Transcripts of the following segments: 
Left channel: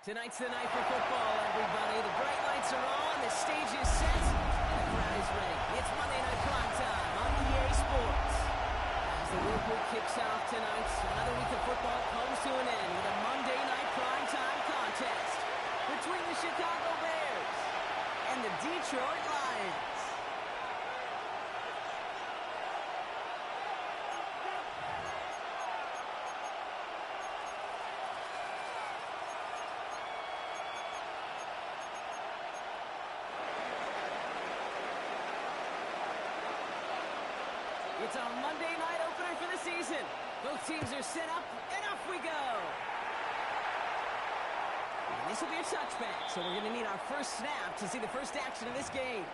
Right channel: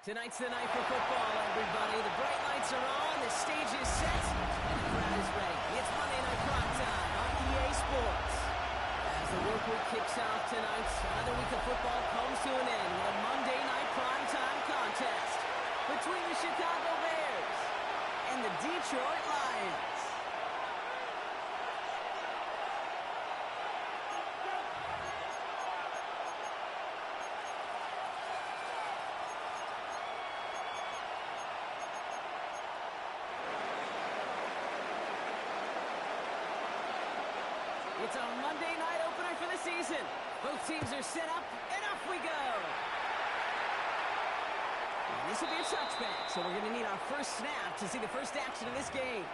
Tonight's the night for football, everybody. The bright lights are on, the stage is set, and the crowd is ready. It's Monday Night Prime Time on EA Sports. As the work week kicks off tonight, another week of football comes to an end with a Monday Night Prime Time contest between the Chicago Bears and the Detroit Lions. It's our Monday night opener for the season. Both teams are set up, and off we go. And this will be a touchback, so we're going to need our first snap to see the first action of this game.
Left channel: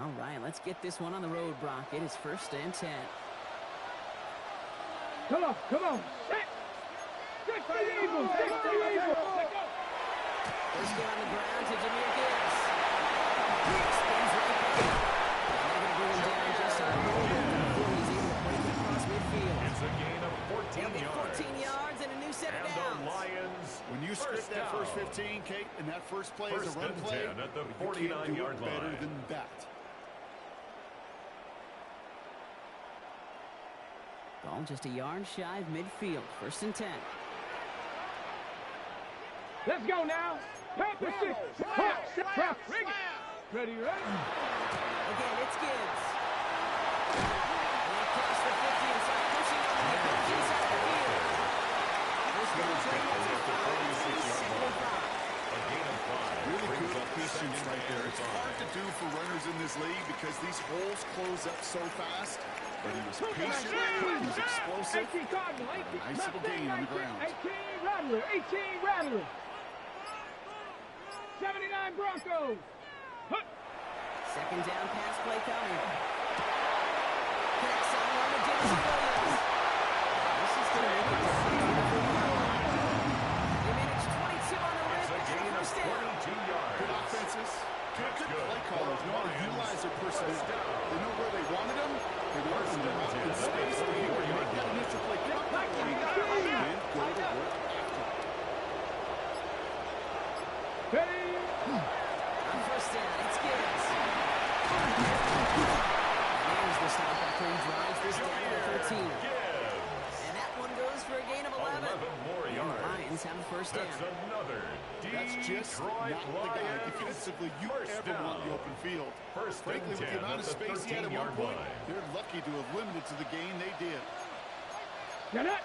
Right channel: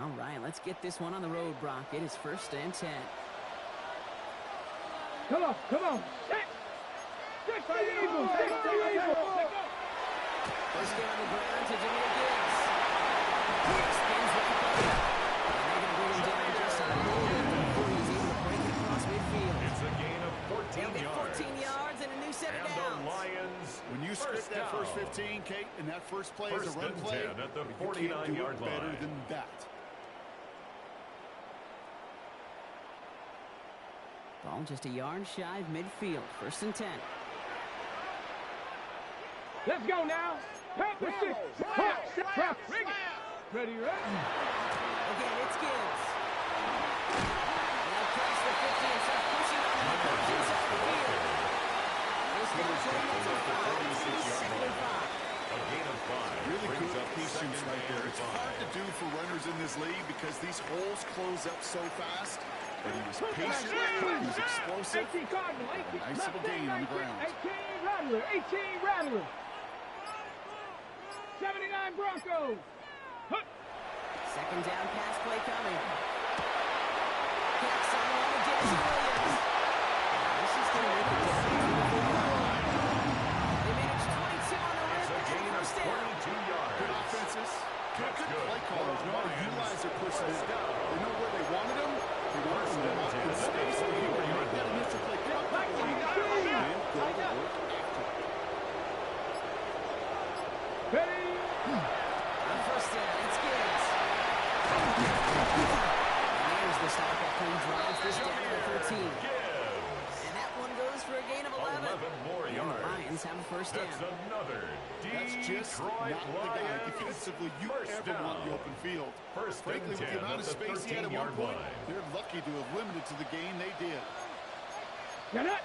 All right, let's get this one on the road, Brock. It is 1st and 10. Come on. Set the Eagles. First get on the ground to Jahmyr Gibbs. He spins right by him. And they're going to bring him down just a little bit before he's able to break it across midfield. It's a gain of 14 yards. 14 yards and a new set of downs. And the Lions, when you script that first 15, Kate, and that first play is a run play, at the you can't do 49-yard it better line. than that. Ball just a yard shy of midfield. 1st and 10. Let's go now. Pack the stick. Trap. Ready. Again, it's Gibbs. And they cross the 50 and start pushing on the coach inside the field. First down play makes it 5. 2nd and 5. A gain of 5. Really brings good up patience second right there. and It's hard to 5. do for runners in this league because these holes close up so fast. But he was patient, he was explosive. 18 Cardinal, 18. Nice little gain on the ground. 18 Rattler. 79 Broncos. Second down pass play coming. Connects on one to Jameson Williams. This is going to make it down to the 40-yard line. They managed 22 on the rip and a first down. 22 yards. Good offenses. Good good. play callers know how to utilize their personnel. They know where they wanted them. They wanted them to lock in space where you would make that initial play comfortably and go to work after. Ready. On first down, it's Gibbs. And there's the stop after he drives this down to the 13. Gibbs. And that one goes for a gain of 11. 11 more And yards. the Lions have a first down. That's another That's just Detroit not the guy Lions. defensively you First ever down. want in the open field. First Frankly, and with the 10 amount of at the space he had at one 13-yard point, line. they're lucky to have limited to the gain they did. Get it.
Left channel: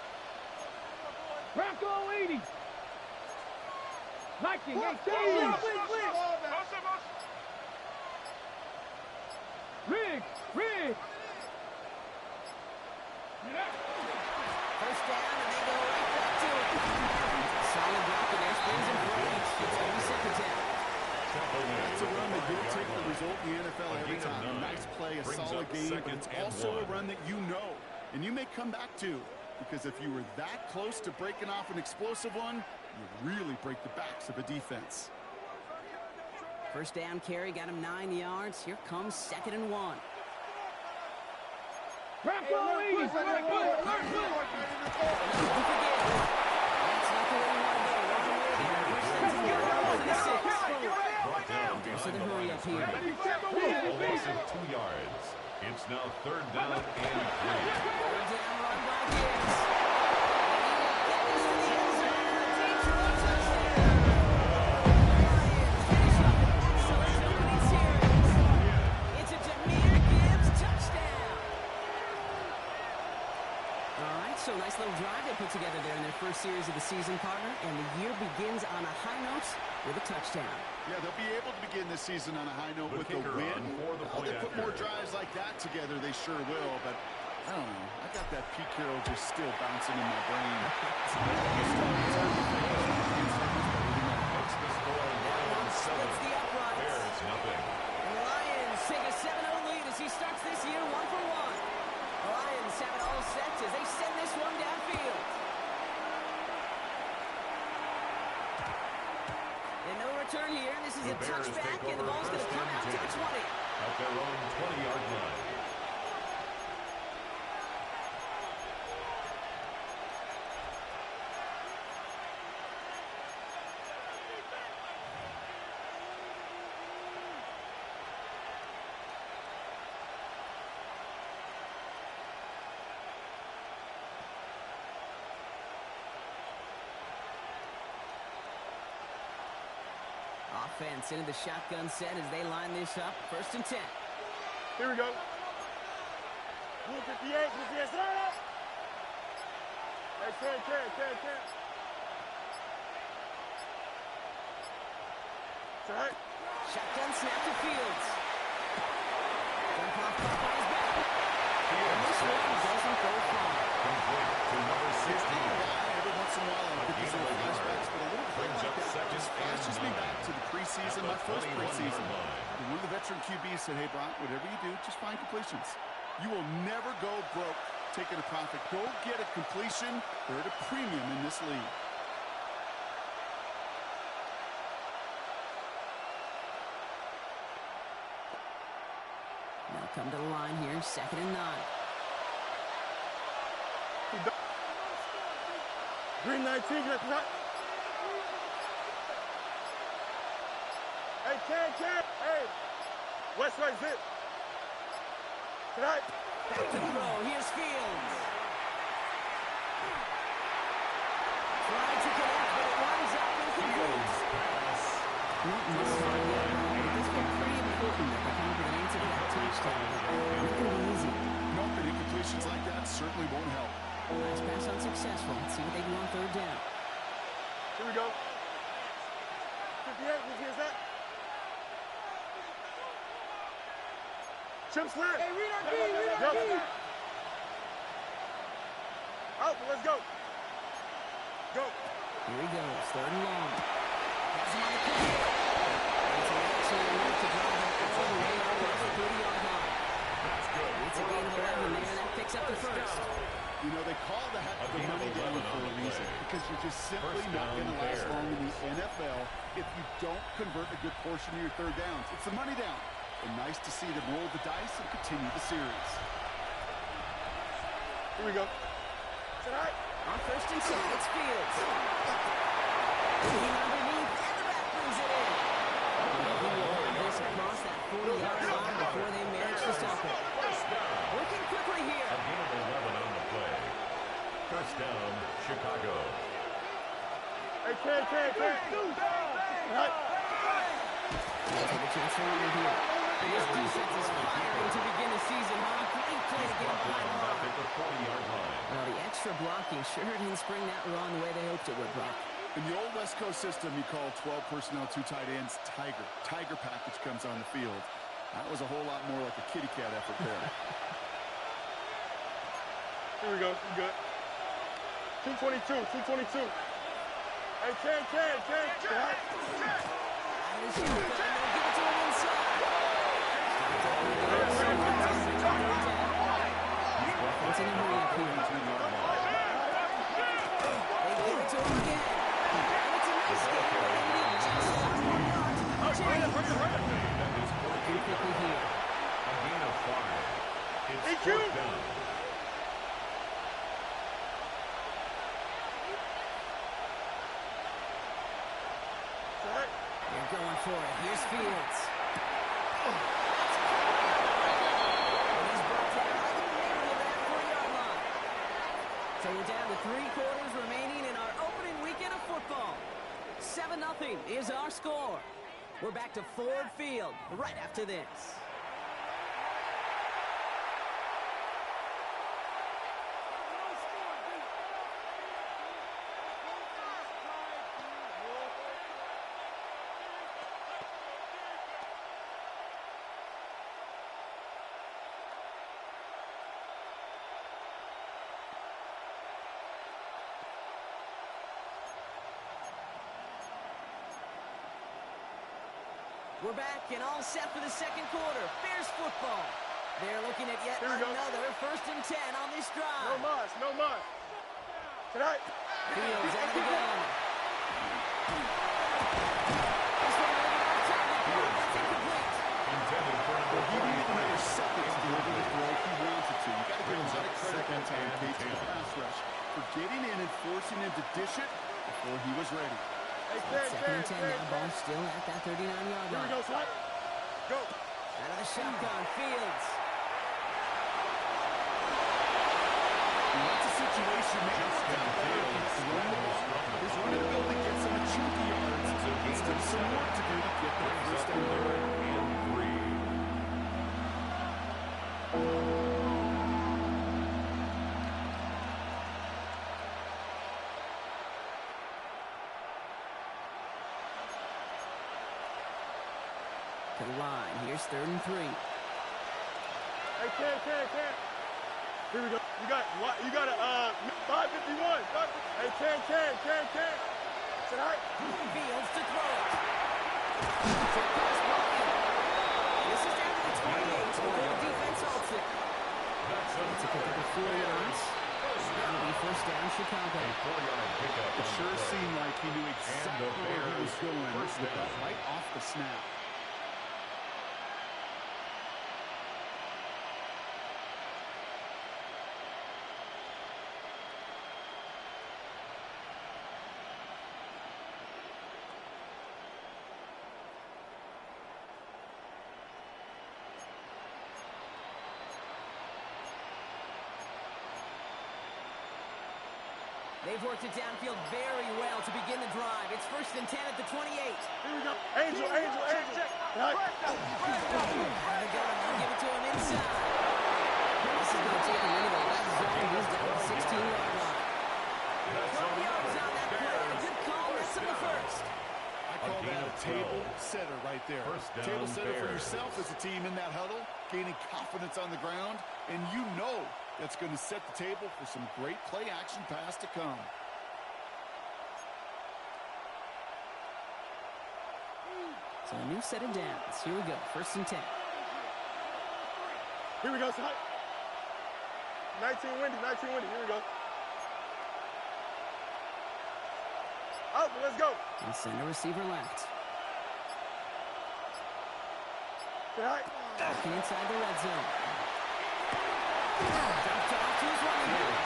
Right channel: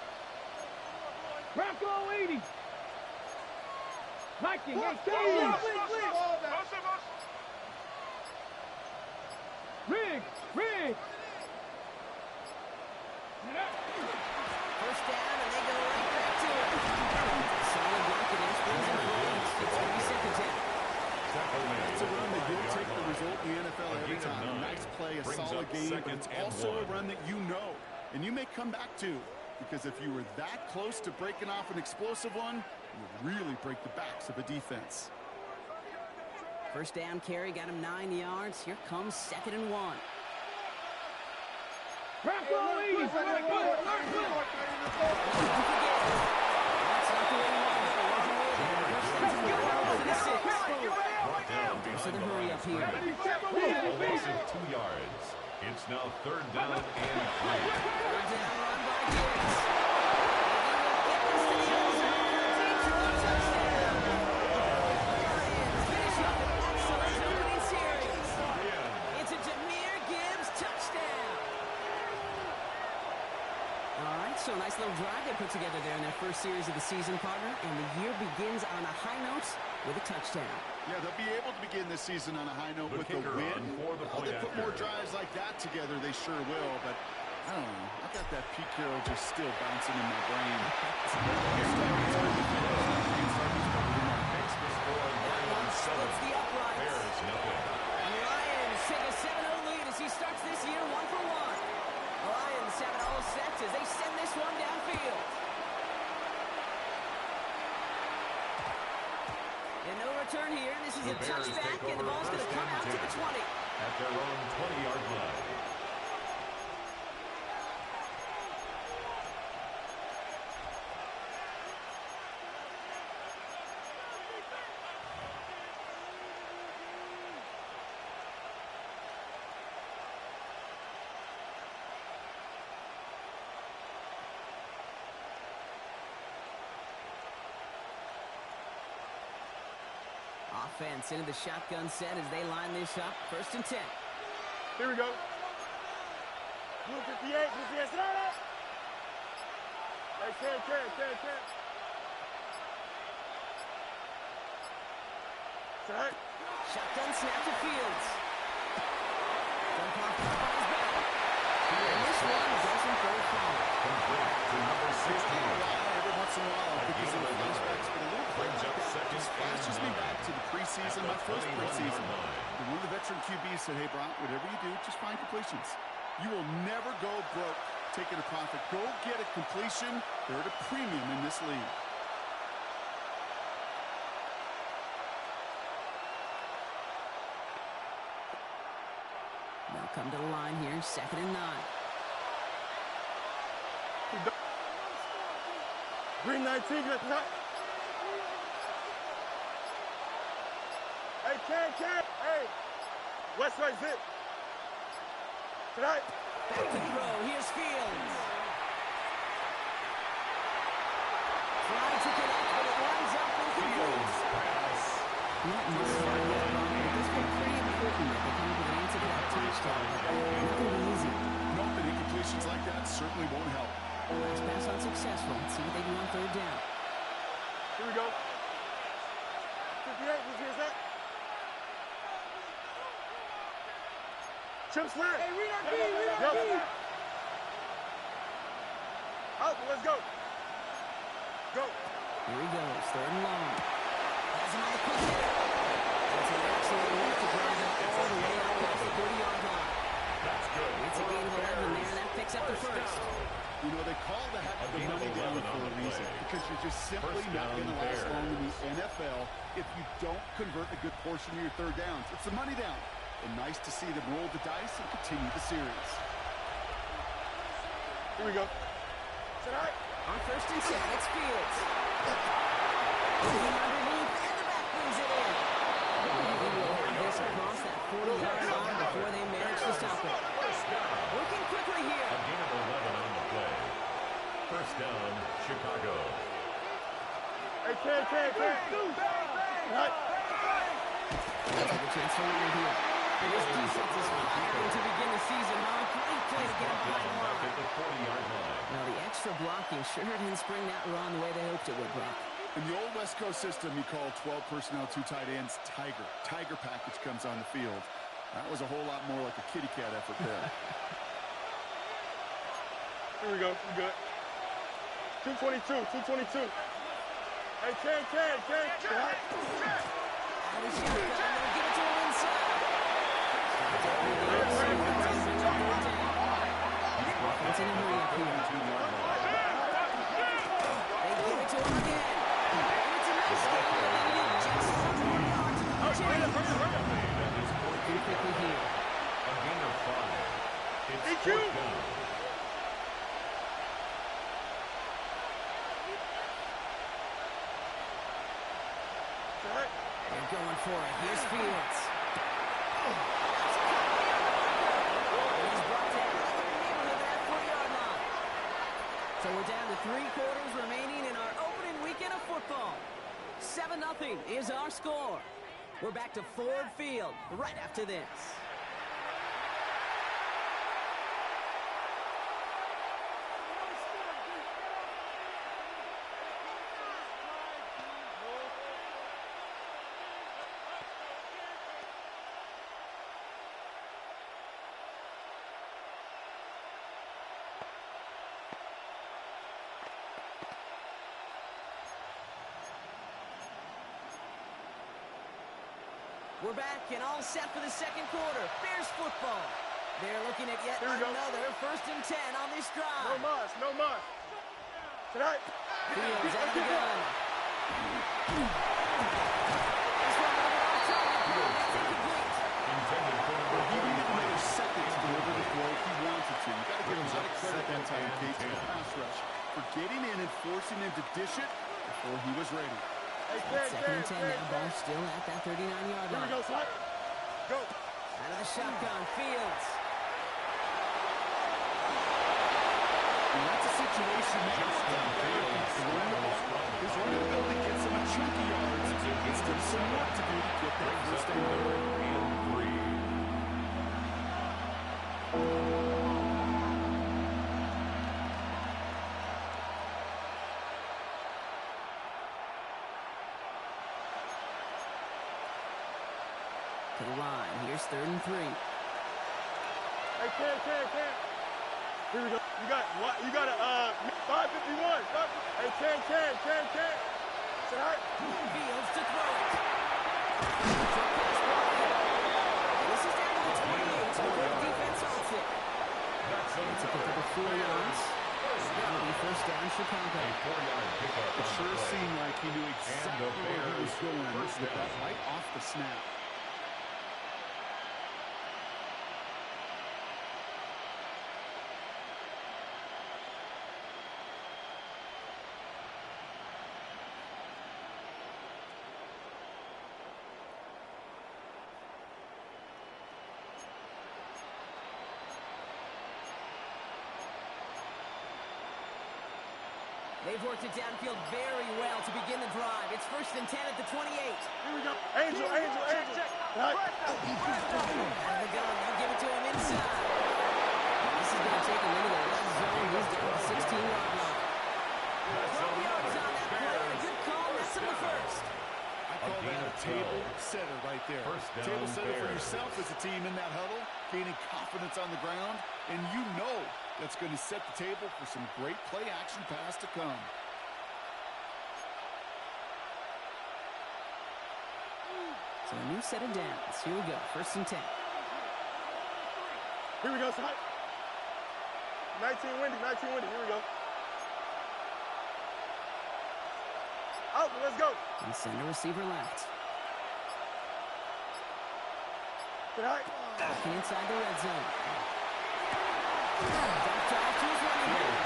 Bronco 80. Viking 18. Riggs. First down, and they go right back to it. Solid block in there, springs and plays. It's going to be 2nd down. That's a run that you'll take the result in the NFL every time. A nice play, a solid game, but it's also a run that you know, and you may come back to, because if you were that close to breaking off an explosive one, you really break the backs of a defense. First down carry, got him 9 yards. Here comes 2nd and 1. Bronco 80. Don't forget, that's not the way you want to go. Wrong way there. First things to the 6. Brought down behind So the the hurry line up of here. A loss of 2 yards. It's now 3rd down and 3. Third down run by Gibbs. And he will get this to the end zone for a Detroit touchdown. The Lions finish up an excellent opening series. It's a Jahmyr Gibbs touchdown. All right, so nice little drive. They put put together there in their first series of the season, partner, and the year begins on a high note with a touchdown. Yeah, they'll be able to begin this season on a high note with a win. They put more drives like that together, they sure will, but I don't know. I got that Pete Carroll just still bouncing in my brain. That one splits the uprights. Bears nothing. And the Lions take a 7-0 lead as he starts this year 1 for 1. The Lions have it all set as they send this one downfield. And no return here. This is a touchback, and the ball's going to come out to the 20. At their own 20-yard line. Offense into the shotgun set as they line this up. 1st and 10. Here we go. Blue 58, blue 58, sit down. Hey, 10. Set. Shotgun snap to Fields. Dump off top on his back. And this one doesn't go far. Complete to number 16. Every once in a while, I'll get these little flashbacks, but a little play like that just flashes me back to the preseason, my first preseason. And one of the veteran QBs said, hey, Brock, whatever you do, just find completions. You will never go broke taking a profit. Go get a completion. They're at a premium in this league. They'll come to the line here, 2nd and 9. Green 19, get that. Hey, Ken. Hey, West right zip. Tonight. Back to throw. Here's Fields. Tried to connect, but it winds up incomplete. Not much fun yet, but it does feel pretty important that they come up with an answer to that touchdown. But not going to be easy. Nope, and incompletions like that certainly won't help. Last pass unsuccessful. Let's see what they do on 3rd down. Here we go. 58, who's that? Chip slant. Hey, read our key. Out, let's go. Go. Here he goes, 3rd and long. Has him on the clear. It's an excellent work to drive him all the way up past the 30-yard line. That's good. It's a gain of 11 there, and that picks up the 1st. You know, they call that the money down for a reason, because you're just simply not going to last long in the NFL if you don't convert a good portion of your 3rd downs. It's the money down. And nice to see them roll the dice and continue the series. Here we go. Tonight. On 1st and 10, it's Fields. Looking underneath, and the back brings it in. He will have this across that 40-yard line before they manage to stop it. Working quickly here. A gain of 11 on the play. 1st down, Chicago. Hey, Ken. Right. They'll take a chance to run it here. This defense is firing to begin the season, huh? Great play to get him behind the line. At the 40-yard line. Well, the extra blocking sure didn't spring that run the way they hoped it would, Brock. In the old West Coast system, you call 12 personnel, 2 tight ends, Tiger. Tiger package comes on the field. That was a whole lot more like a kitty cat effort there. Here we go. We good. 222. Hey, Ken. Out of shotgun, they'll give it to him inside. Offense in a hurry up here. They give it to him again. And it's a nice game, but they need just 1 more yard to the chain. Working quickly here. A gain of 5. It's DQ. 4th down. They're going for it. Here's Fields. That's cut near the marker. And he's brought down right in the neighborhood of that 4-yard line. So we're down to 3 quarters remaining in our opening weekend of football. 7-0 is our score. We're back to Ford Field right after this. We're back and all set for the second quarter. Bears football. They're looking at yet another 1st and 10 on this drive. No muss. Tonight. Fields out of the gun. This one a little bit off target. That's incomplete. Intended for number He needed another second to deliver the throw if he wanted to. You got to give him a lot of credit that time, Kate, to the pass rush for getting in and forcing him to dish it before he was ready. Hey, 2nd and 10 now. Ball still at that 39-yard line. Here we go, Slide. Go. Out of the shotgun. Fields. That's a situation that worked out better to run the ball. His running ability gets him a chunky yards. It's still some work to do to get that first down. 3rd and 3. To the line. Here's 3rd and 3. Hey, Ken. Here we go. You got a 551. Hey, Ken. Tonight. Fields to throw it. Short pass ball in. And this is down to the 28 before the defense halts it. It's a pick up of 4 yards. That'll be 1st down, Chicago. A 4-yard pickup. It sure seemed like he knew exactly where he was going with that right off the snap. They've worked it downfield very well to begin the drive. It's 1st and 10 at the 28. Here we go. Angel. Check. Out of the gun. They'll give it to him inside. This is going to take him into the red zone. He's down to the 16-yard line. 12 yards on that play. And a good call. That's him the 1st. I call that a table setter right there. Table setter for yourself as a team in that huddle, gaining confidence on the ground, and you know that's going to set the table for some great play action pass to come. So a new set of downs. Here we go. 1st and 10. Here we go, Slide. 19 windy. Here we go. Out, let's go. And send a receiver left. Tonight. Walking inside the red zone. Dumped off to his running back.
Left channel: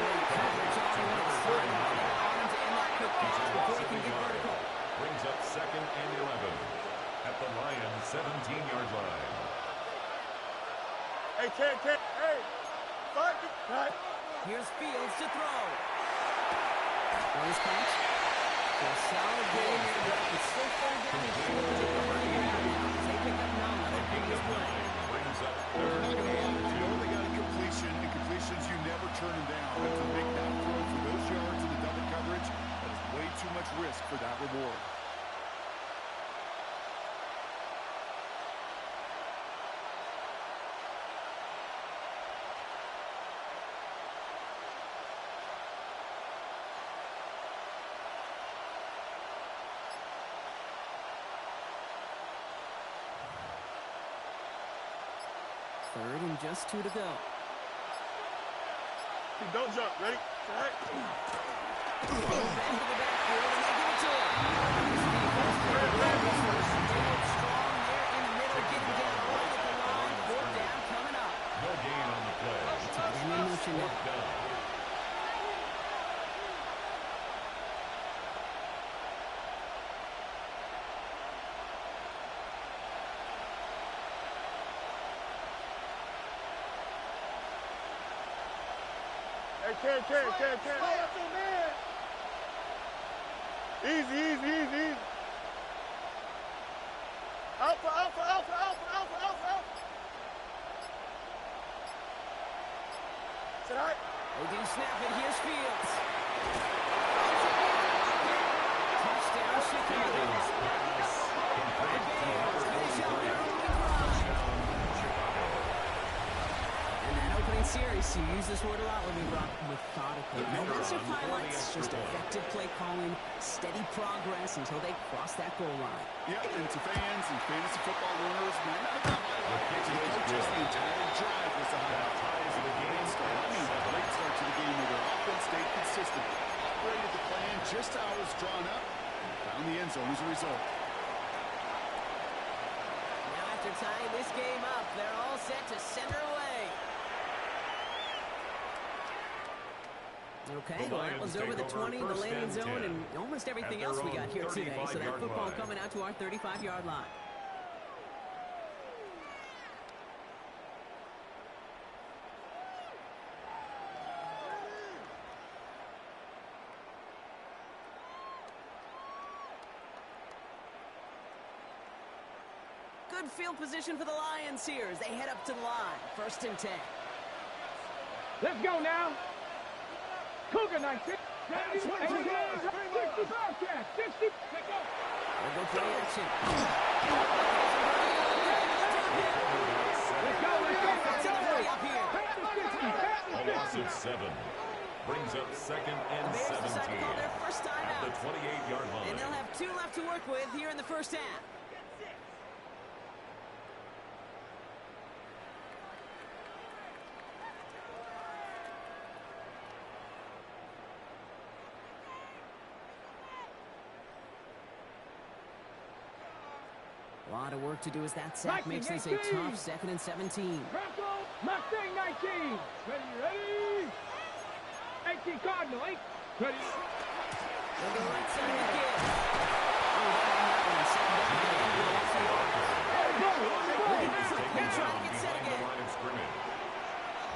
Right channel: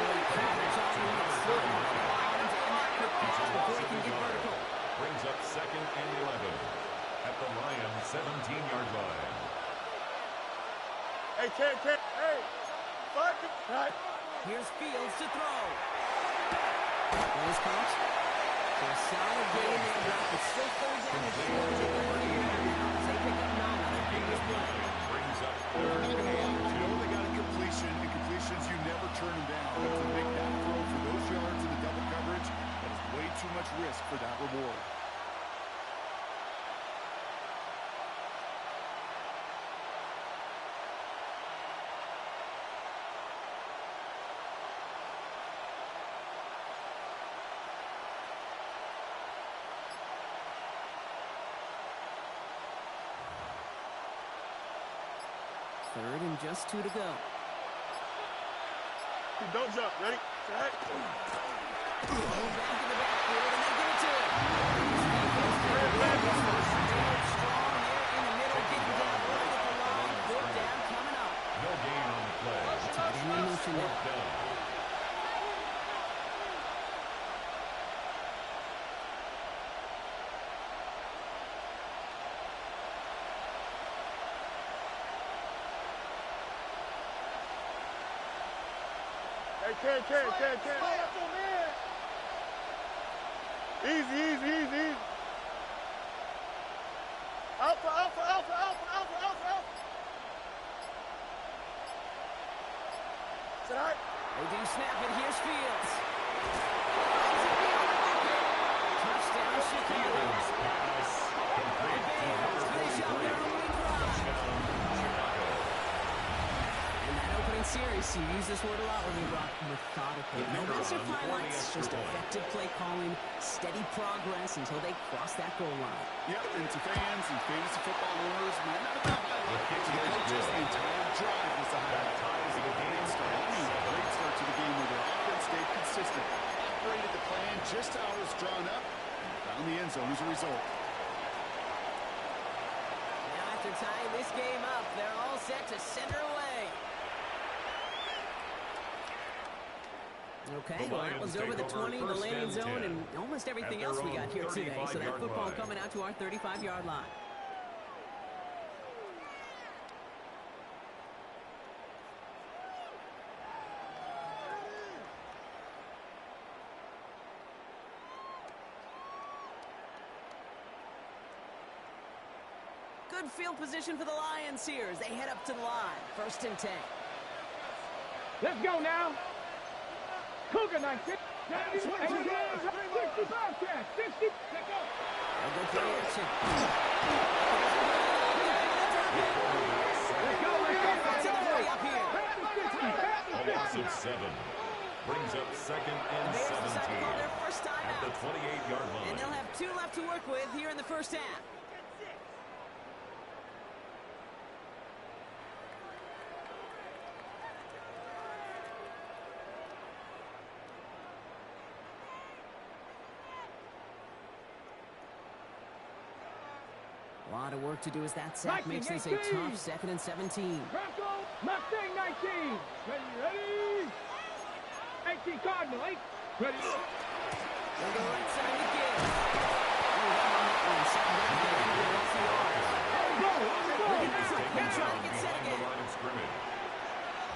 Great coverage on him. It's third and on him to end that quick pass before he can get vertical. Brings up 2nd and 11 at the Lions 17-yard line. Hey, Ken. Hey. Fuck it. Tonight. Here's Fields to throw. Runs caught. So a solid game there, Brock. It's still 3rd down and short. They've got to figure it out now as they pick up 9 on that previous play. Brings up I'm not 3rd going to lie. and I 2. know they got a completion, and completions you never turn them down. But to make that throw for those yards in the double coverage, that is way too much risk for that reward. Third and just 2 to go. Don't jump. Ready? Tonight. Back in the backfield, and they give it to him. His defense they hold strong there in the middle, getting down right at the line. 4th down coming up. No gain on the play. Tight end in motion now. 4th down. Hey, Ken. Easy. Alpha. Tonight. They do snap it. Here's Fields. Finds it beyond the marker. Touchdown, Chicago. Pass complete. The Bears finish up their opening drive. Touchdown, Chicago. And that opening serious. You use this word a lot with me, Brock. Methodical. No massive highlights, just effective play calling, steady progress until they cross that goal line. Yep, and to fans and fantasy football owners, might not have been a highlight. To the coaches, the entire drive was a highlight. Ties the game. Great start to the game where their offense stayed consistent, operated the plan just how it was drawn up, and found the end zone as a result. After tying this game up, they're all set to send her away. Okay, well, that was over the 20, the landing zone, and almost everything else we got here today. So that football coming out to our 35-yard line. Good field position for the Lions here as they head up to the line. 1st and 10. Let's go now. Cougar 19. 65 catch. 60. Let's go. They'll go play action. Let's go. That's in the hurry up here. A loss of 7. Brings up 2nd and The Bears 17. decide to call their first time At out. the 28-yard line. And they'll have 2 left to work with here in the first half. A lot of work to do as that sack makes this a tough 2nd and 17. Bronco, Mustang 19. Ready? 18 Cardinal, 8. Ready? They'll go right side to Gibbs. Oh, down on that one. 2nd down. They try to get set Behind again. the line of scrimmage.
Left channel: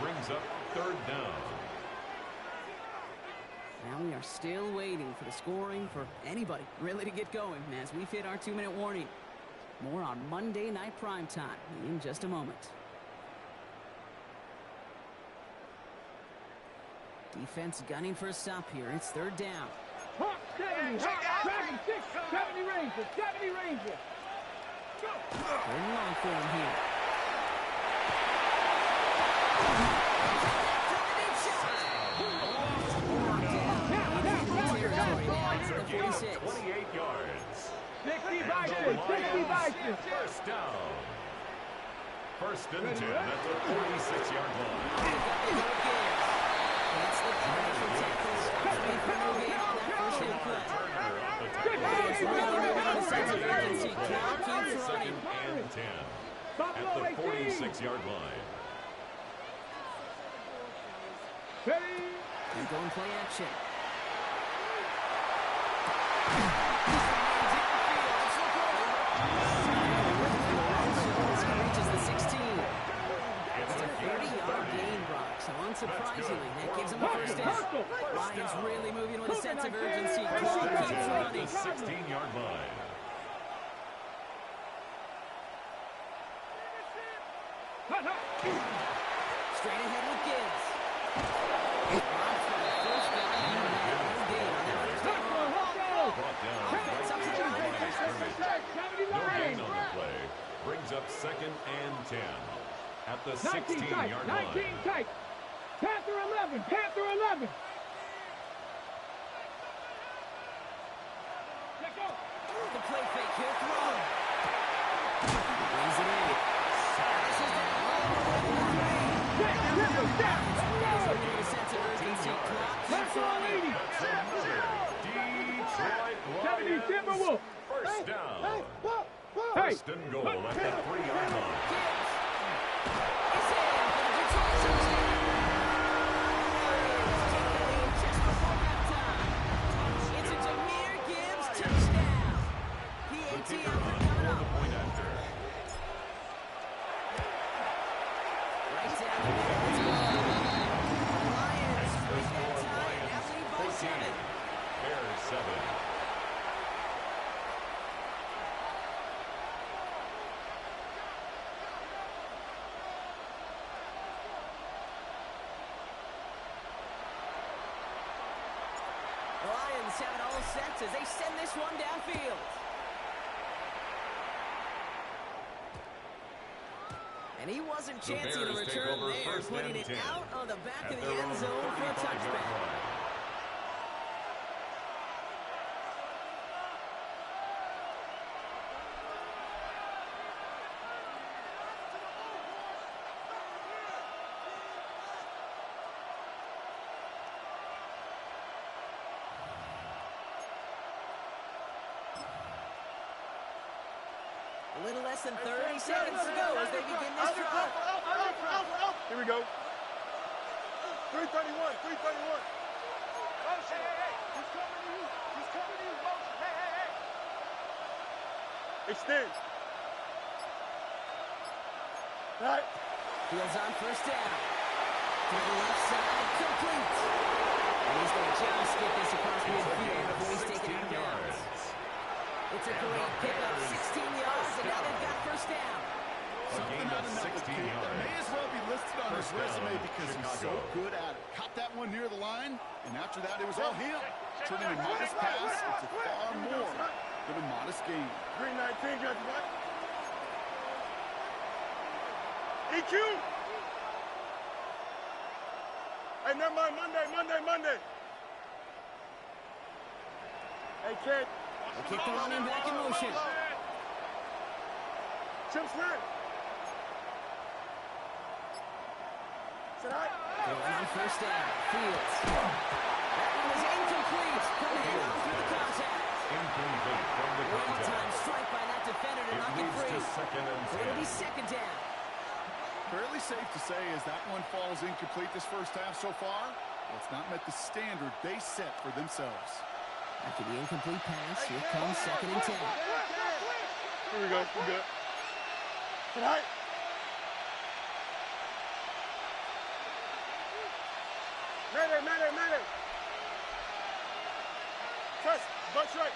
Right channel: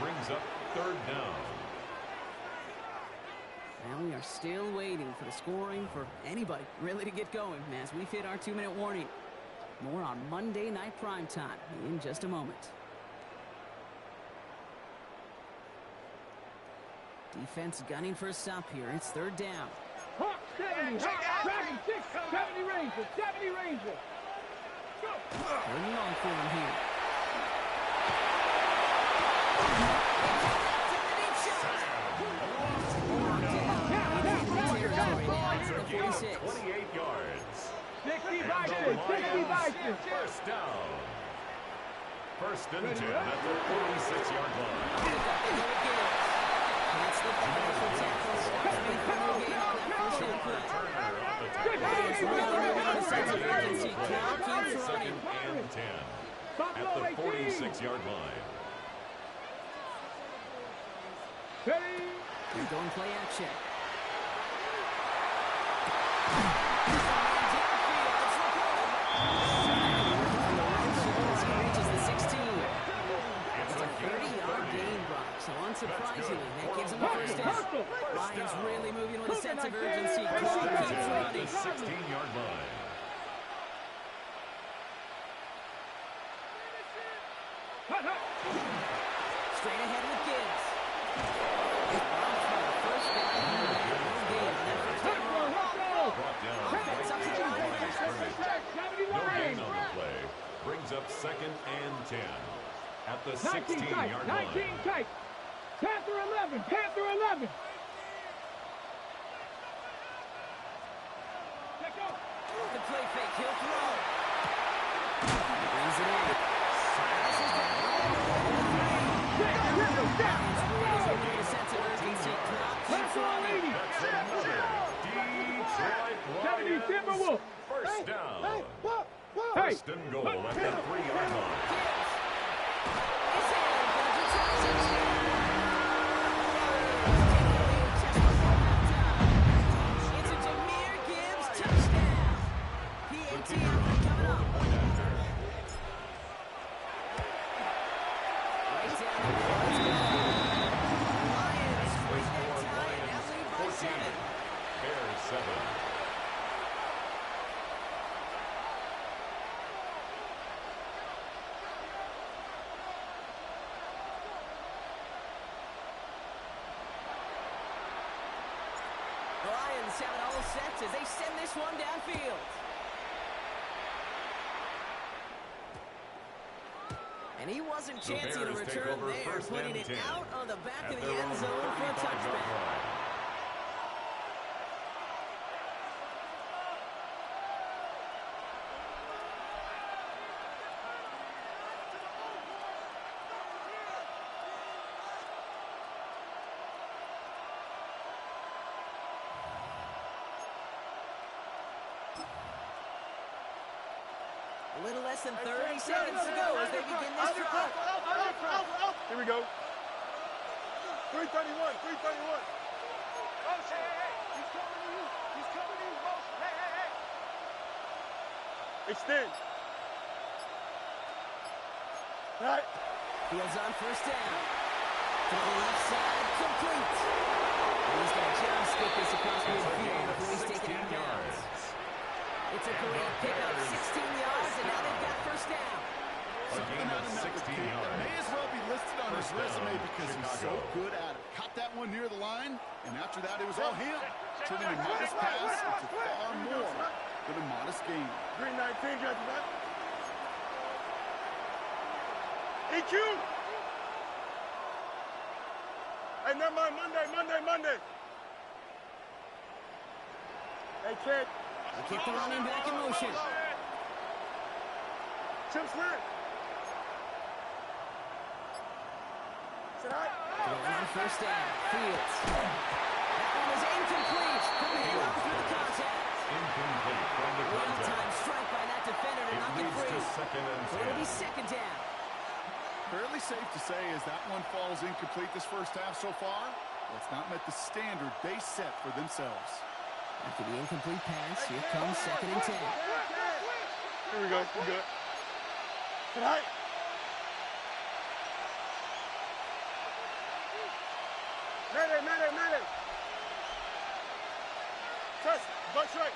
Brings up 3rd down. Now we are still waiting for the scoring for anybody really to get going as we've hit our 2-minute warning. More on Monday Night Primetime in just a moment. Defense gunning for a stop here. It's 3rd down. Hawk 70. Dragon 6. 70 Ranger. 70 Ranger. Go. 3rd and long for him here. The 46. 28 yards. 60 by And 6. the 60 by 6. Lions, 1st down. 1st and 10 at the 46-yard line. Can't slip that initial tackle. Stops me for no gain on that first down play. Turner on the tackle. Lions really moving on the sense of urgency. Clock keeps running. 2nd and 10 at the 46-yard line. Ready? They're going play action. Reaches the 16. It's a 30-yard gain, Brock. So unsurprisingly, that gives them a first down. Lions really moving with a sense of urgency. Clock keeps running. The 16-yard line. Straight ahead with Gibbs. Rob's for the first down. No gain on that first down. Brought down right at the line of scrimmage. No gain on the play. Brings up 2nd and 10 at the 16-yard line. 19 tight. Panther 11. Panther 11. Let's go. The play fake. He'll throw. He brings it in. This is down. Lions really moving with a sense of urgency. Clock keeps running. That's another Detroit 70 Lions Timberwolves. first down. Hey. 1st and goal at the 3-yard line. Gibbs is in for the Detroit touchdown. Lions take the lead just before halftime. It's a Jahmyr Gibbs touchdown. PAT effort coming up. Point after. Right down the middle. Let's go. Lions break that tie and now lead by 7. Bears 7. The Lions have it all set as they send this one downfield. And he wasn't The chancing a Bears take return over there, first putting and it 10 out on the back at of the their end own zone for a 35-yard touchback. line. A little less than 30 seconds to go as they begin this drive. Here we go. 331, 331. Motion, hey. He's coming to you. He's coming to you. Motion, hey. Extend. Right. Fields on first down. To the left side, complete. And he's going to just get this across midfield before he's taken out of bounds. It's a great pickup, 16 yards, and now they've got first down. Something out of that with Kate that may as well be listed on his resume because he's so good at it. Caught that one near the line, and after that, it was all him. Turning a modest pass into far more than a modest game. Green 19, got you right. EQ. Hey, never mind, Monday. Hey, kid. We'll kick the running back in motion. Chip Slant. Sit high. Throwing on first down. Fields. That one is incomplete. Couldn't hang on through the contact. Incomplete from the contact. Well-timed strike by that defender to It knock it leads free. to second and So it'll 10. be second down. Fairly safe to say as that one falls incomplete this first half so far, well, it's not met the standard they set for themselves. After the incomplete pass, here comes second and 10. Here we go. We're good. Sit high. Mayday. Trust. Buck straight.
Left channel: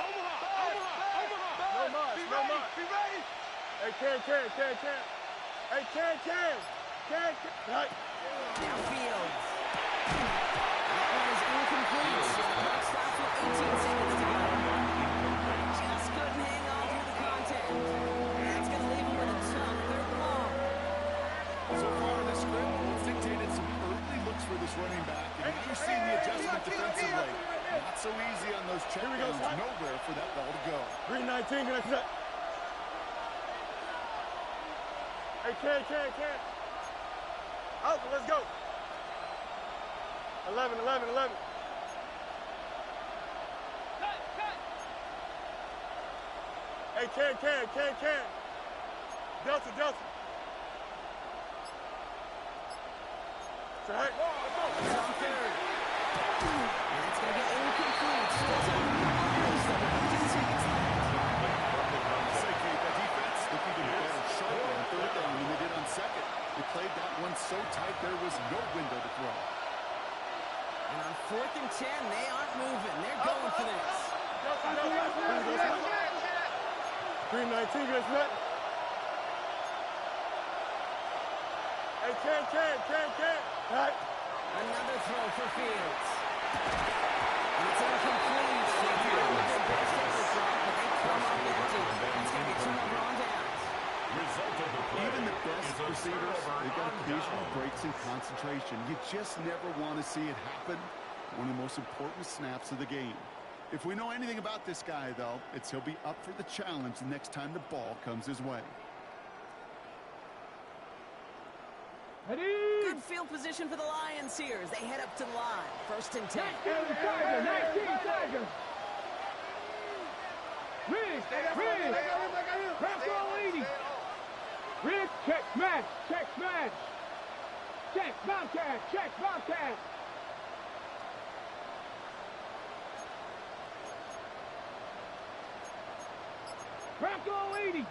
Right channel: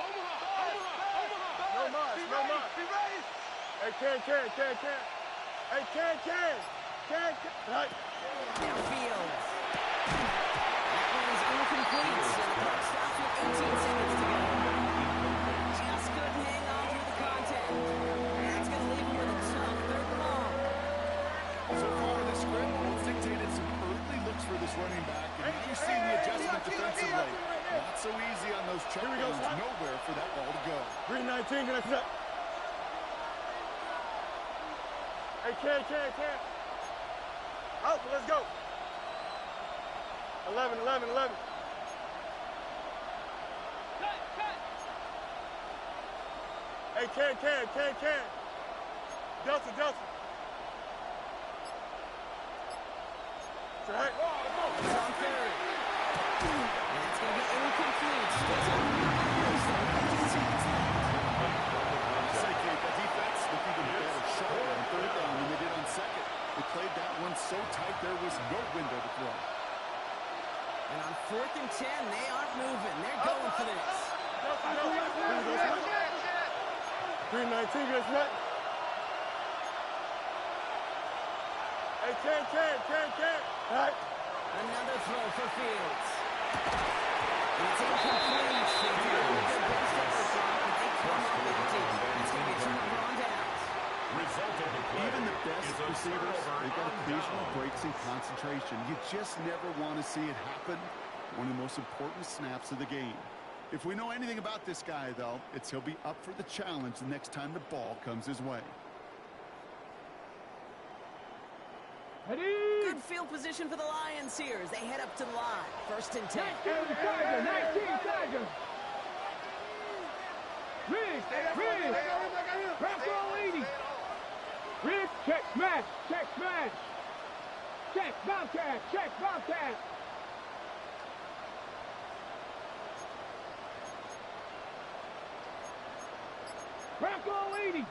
Omaha. No more. Be ready. Hey, can. Hey, can. Right. Now Fields. That one is incomplete. And the clock stops with 18 seconds to go. Just couldn't hang on through the contact. And that's going to leave him with a tough third and long. So far, this script has dictated some early looks for this running back, and now you're seeing the adjustment defensively. Not so easy on those checkdowns, nowhere for that ball to go. Green 19, gonna set. Hey, can. Out, let's go. 11. Hey, can. Delta. Sit high. It's on third. And it's going to be incomplete. Still time to race them. 15 seconds left. Incomplete from the I'll contact. say, Kate, that defense looked even better, sharper on third down than they did on second. They played that one so tight there was no window to throw. And on fourth and 10, they aren't moving. They're going for this. Green 19, gonna set. Hey, can. Right. Another throw for Fields. And it's incomplete. They tried with their best effort drop, but they come up empty. That's going to be a turnover on downs. Result of the play Even the best is a receivers, turnover they've got on occasional down. breaks in concentration. You just never want to see it happen. One of the most important snaps of the game. If we know anything about this guy, though, it's he'll be up for the challenge the next time the ball comes his way. Good field position for the Lions here as they head up to the line. First and 10. 19 Tiger. Riggs. Bronco 80. Riggs, check smash. Check, Bobcat. Bronco 80.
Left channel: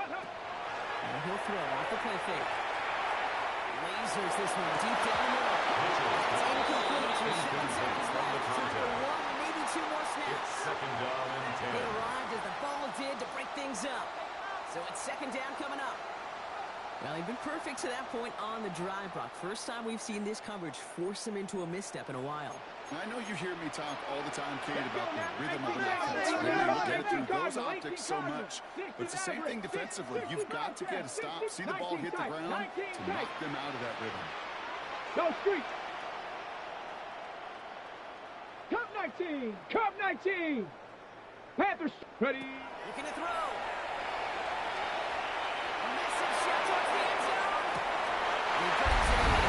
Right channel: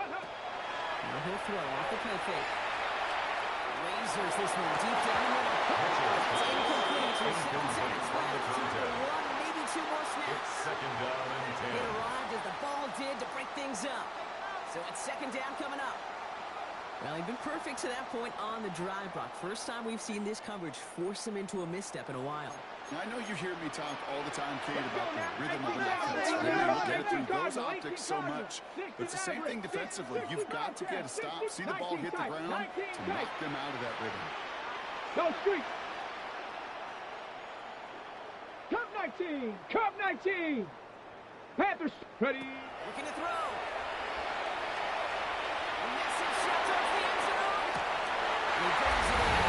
Now he'll throw off the play fake. Lasers this one deep down the middle. That's incomplete. With 7 seconds from the left. Time for contact. one, maybe two more snaps. It's second down and 10. It arrived as the ball did to break things up. So it's second down coming up. Well, they've been perfect to that point on the drive, Brock. First time we've seen this coverage force him into a misstep in a while. I know you hear me talk all the time, Kate, about the rhythm of an offense. We look at it through those optics so much, but it's the same thing defensively. You've got to get a stop, see the ball hit the ground to knock them out of that rhythm. Go street. Cup 19. Cup 19. Panthers ready. Looking to throw. A massive shot towards the end zone. He brings it in.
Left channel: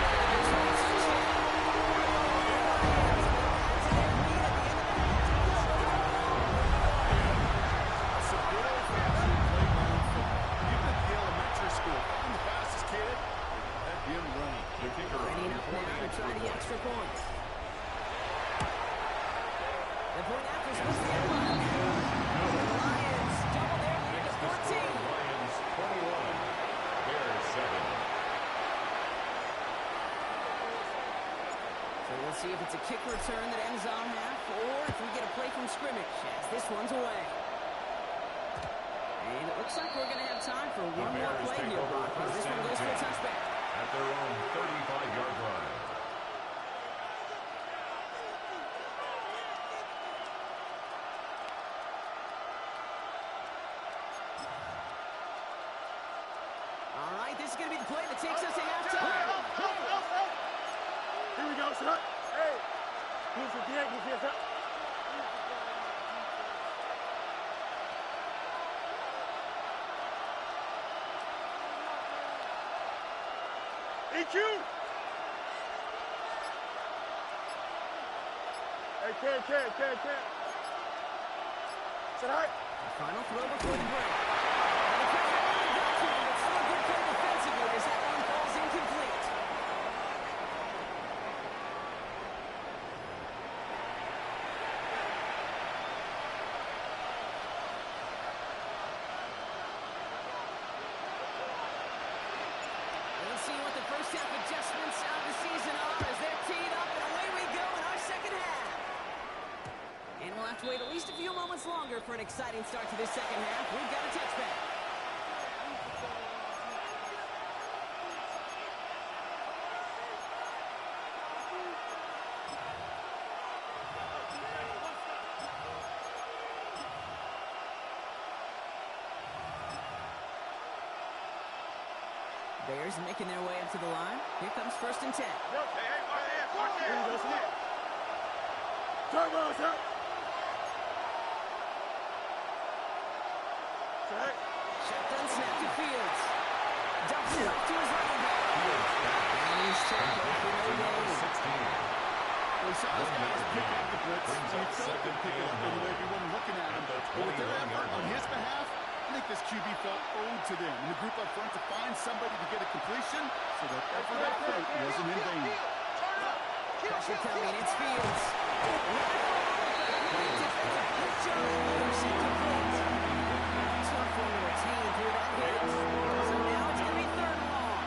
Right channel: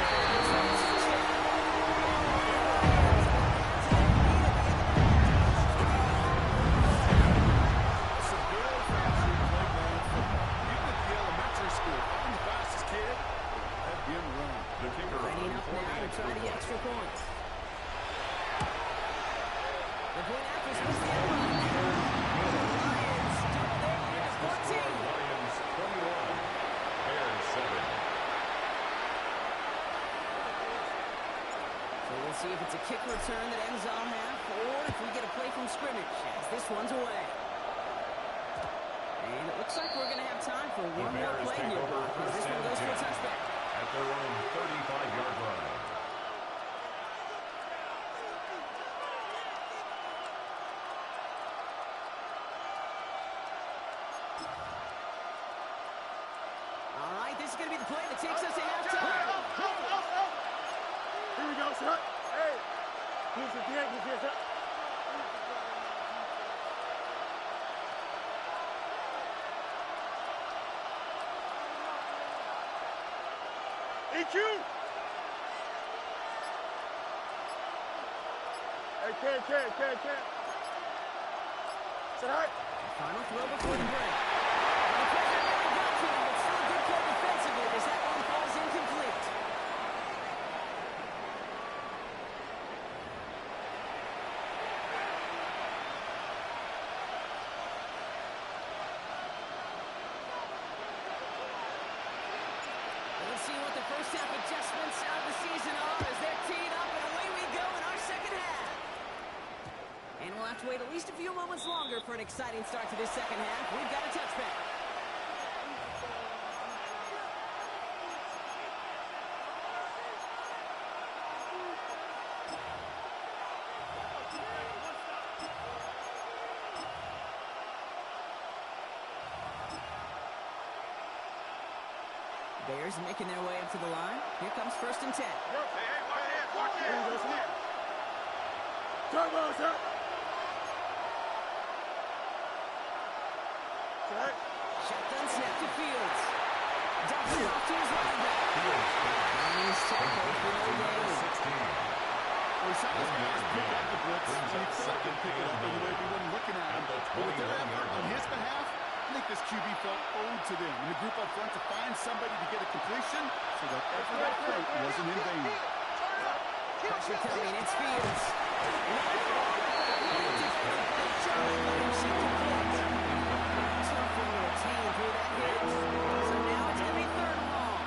Some good old-fashioned playground football. Even at the elementary school, I'm the fastest kid. Let him run. The kicker Lining on up for now the to try the extra point. The point after splits the end line. The Lions double their lead to 14. Lions 21, Bears 7. So we'll see if it's a kick return that ends on half, or if we get a play from scrimmage as this one's away. And it looks like we're going to have time for The one more Bears play take here, over Brock, as this first one and goes for a 10 touchback. at their own 35-yard line. All right, this is going to be the play that takes us to halftime. Here we go, son. Hey. Here's the deal. Here's the EQ! Hey, Ken. Sit high. Final throw before the break. Well, the pressure nearly got to him, but still a good play defensively as that one falls incomplete. Let's see what the first half adjustments of the season are as they're teed up, and away we go in our second half. And we'll have to wait at least a few moments longer for an exciting start to this second half. We've got a touchback. Bears making their way up to the line. Here comes 1st and 10. Watch it. Turbo, sir. Shotgun snap to Fields. Dumps it off to his running back. And he's tackled for no gain. 16. We saw his guys pick up the blitz, and he felt them pick it up in the way we weren't looking at him. But with their effort on his behalf, I think this QB felt owed to them in the group up front to find somebody to get a completion, so that effort up front wasn't in vain. Pressure coming, it's Fields. Great defensive play, Charlie Williams incomplete. Tough one to retain through that hit. So now it's going to be 3rd and long.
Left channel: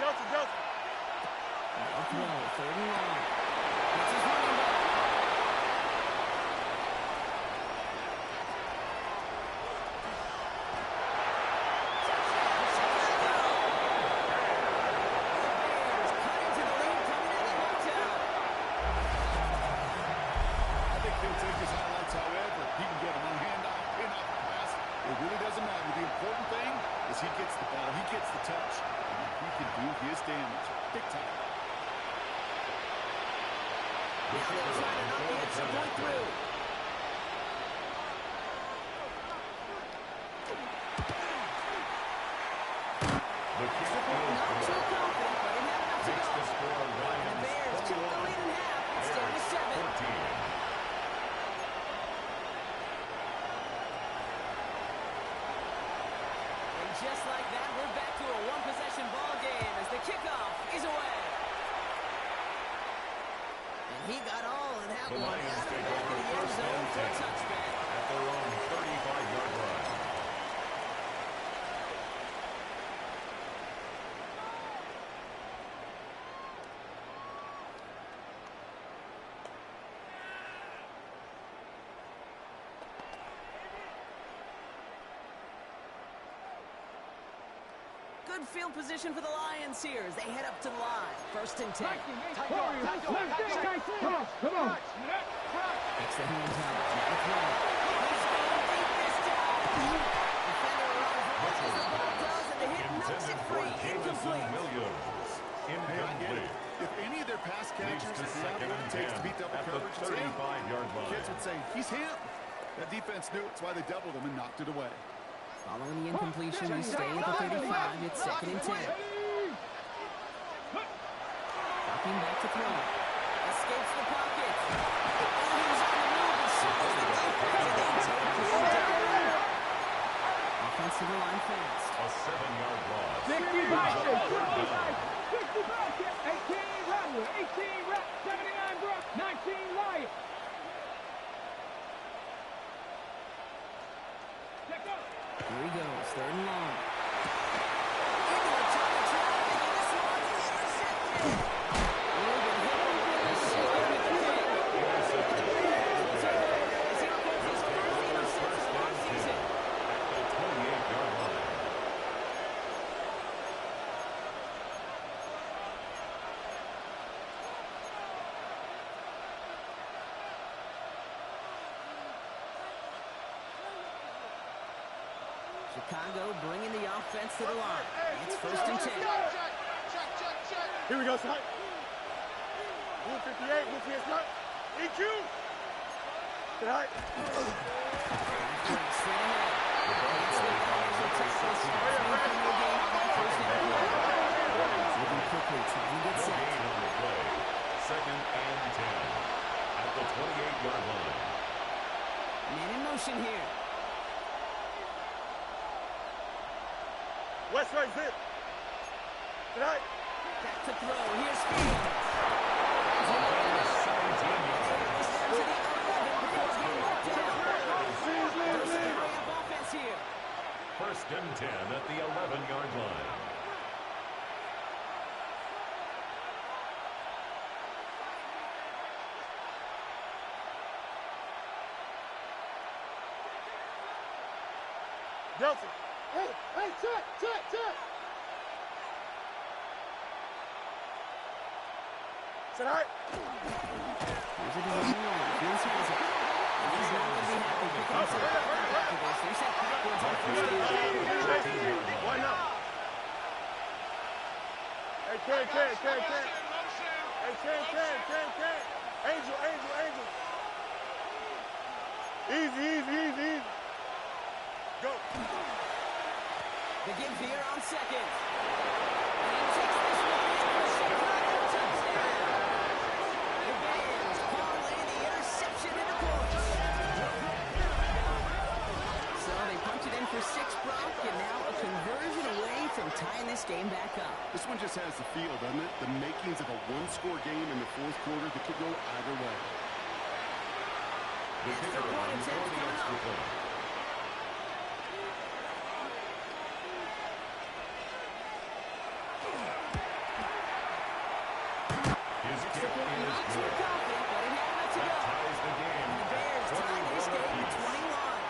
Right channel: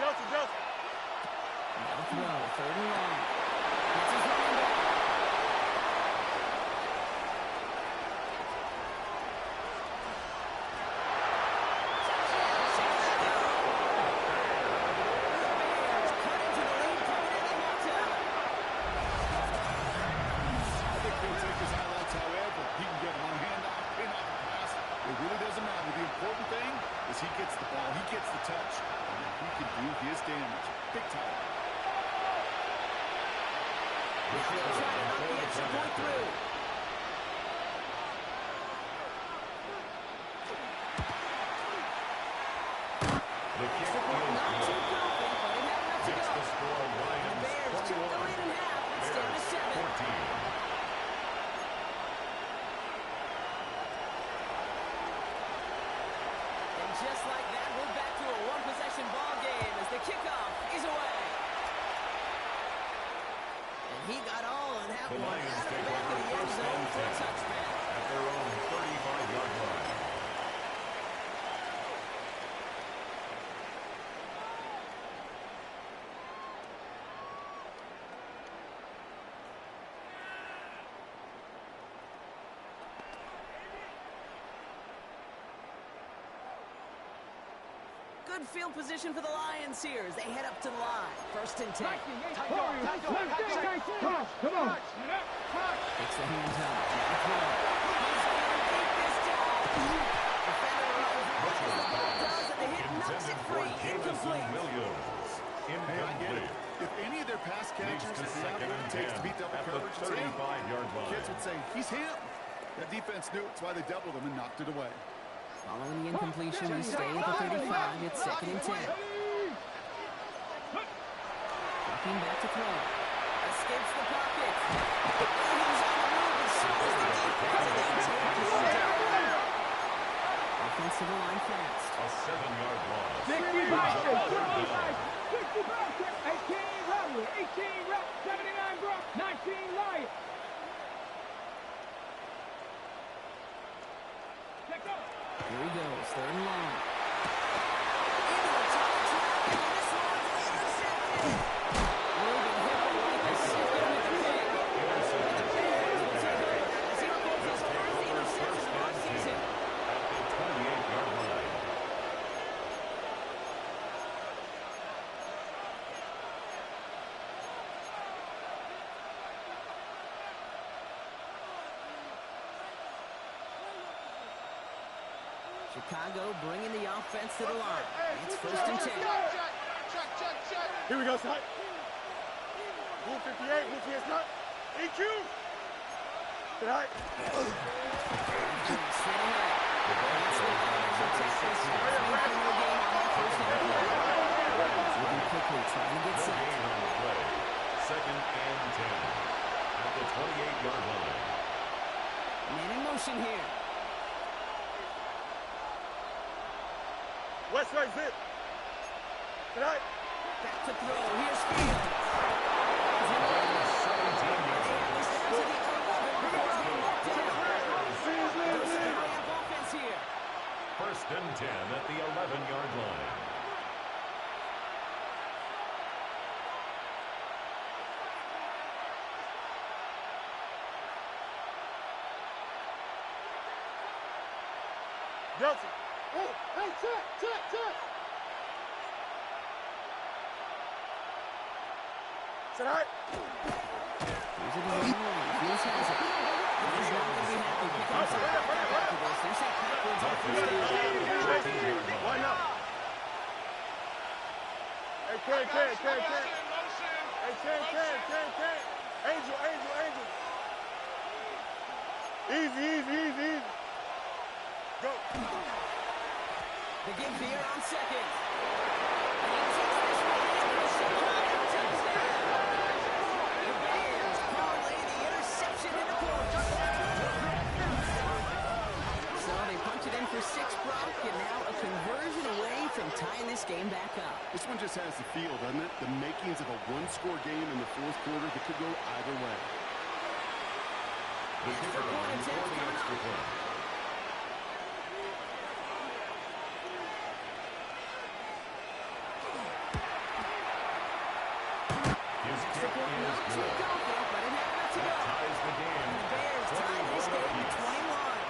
Delta. Now throw, 3rd and long. It's his running back. Touchdown, Chicago! The Bears cut into the lead coming into halftime. I think he'll take his highlights however he can get them on a handoff, pin off a pass. It really doesn't matter. The important thing is he gets the ball, he gets the touch, and he can do his damage. Big time. Now they'll try to knock the extra point through. The kick Extra point is not good. too confident, but it had enough to Makes go. the score And the Lions Bears took the 21, lead in half. It's down to 7. 14. And just like that, we're back to a one-possession ball game as the kickoff is away. And he got all on that The one Lions out of the take back of over the end 1st zone and for a 10 touchback. at their own 35-yard line. Good field position for the Lions here as they head up to the line. 1st and 10. Come on. Takes the hands up. Now throw. He's going deep this time. Defender runs as the ball does, and the hit knocks it free. Incomplete. Incomplete. If any of their pass catchers To have second what and it takes 10 to beat double at the coverage, it's him. 35-yard line. Kids would say, he's him. That defense knew it. It's why they doubled him and knocked it away. Following the incompletion, we stay at the 35. It's 2nd and 10. Ducking back to throw. Escapes the pocket. Oh, he was on the move as soon as the defense, and they take him down. Offensive line fast. A 7-yard loss. 65, 18 Rattler, 18 Rat, 79 Brock, 19 Lion. Check up. Here he goes, 3rd and long. Into a ton of traffic, and this one's intercepted. Logan Hipple like a sister with the pick. Intercepted. Will take over as he records his first interception of our season. At the 28-yard line. Chicago bringing the offense to the line. It's 1st and 10. Here we go, son. Blue 58, blue 58, son. EQ. Tonight. Straight ahead. Against the Bears, tackle snaps making no gain on that 1st down play. Moving quickly, trying to get No set. gain on the play. 2nd and 10. At the 28-yard line. Man in motion here. West right zip. Tonight. Back to throw. Here's Fields. Gain 17 yards. This down to the 11 before being knocked down. There's a hurry up offense here. 1st and 10 at the 11-yard line. Delta. Hey, check. Tonight. Here's a design run. Fields has it. He's not going to be happy picking himself back up after this. They're set backwards on 1st down. Why not? Hey, Ken. Hey, Ken. Angel. Easy. Go. The give here on 2nd. And he takes this one in for Chicago touchdown. The Bears parlay the interception into points. So they punch it in for 6, Brock, and now a conversion away from tying this game back up. This one just has the feel, doesn't it? The makings of a one-score game in the 4th quarter that could go either way. The kicker point on attempt for the coming extra up. point. His kick Point not is too good. confident, but it had enough to That go. ties the game. And the Bears at tie this 21 game at apiece. 21.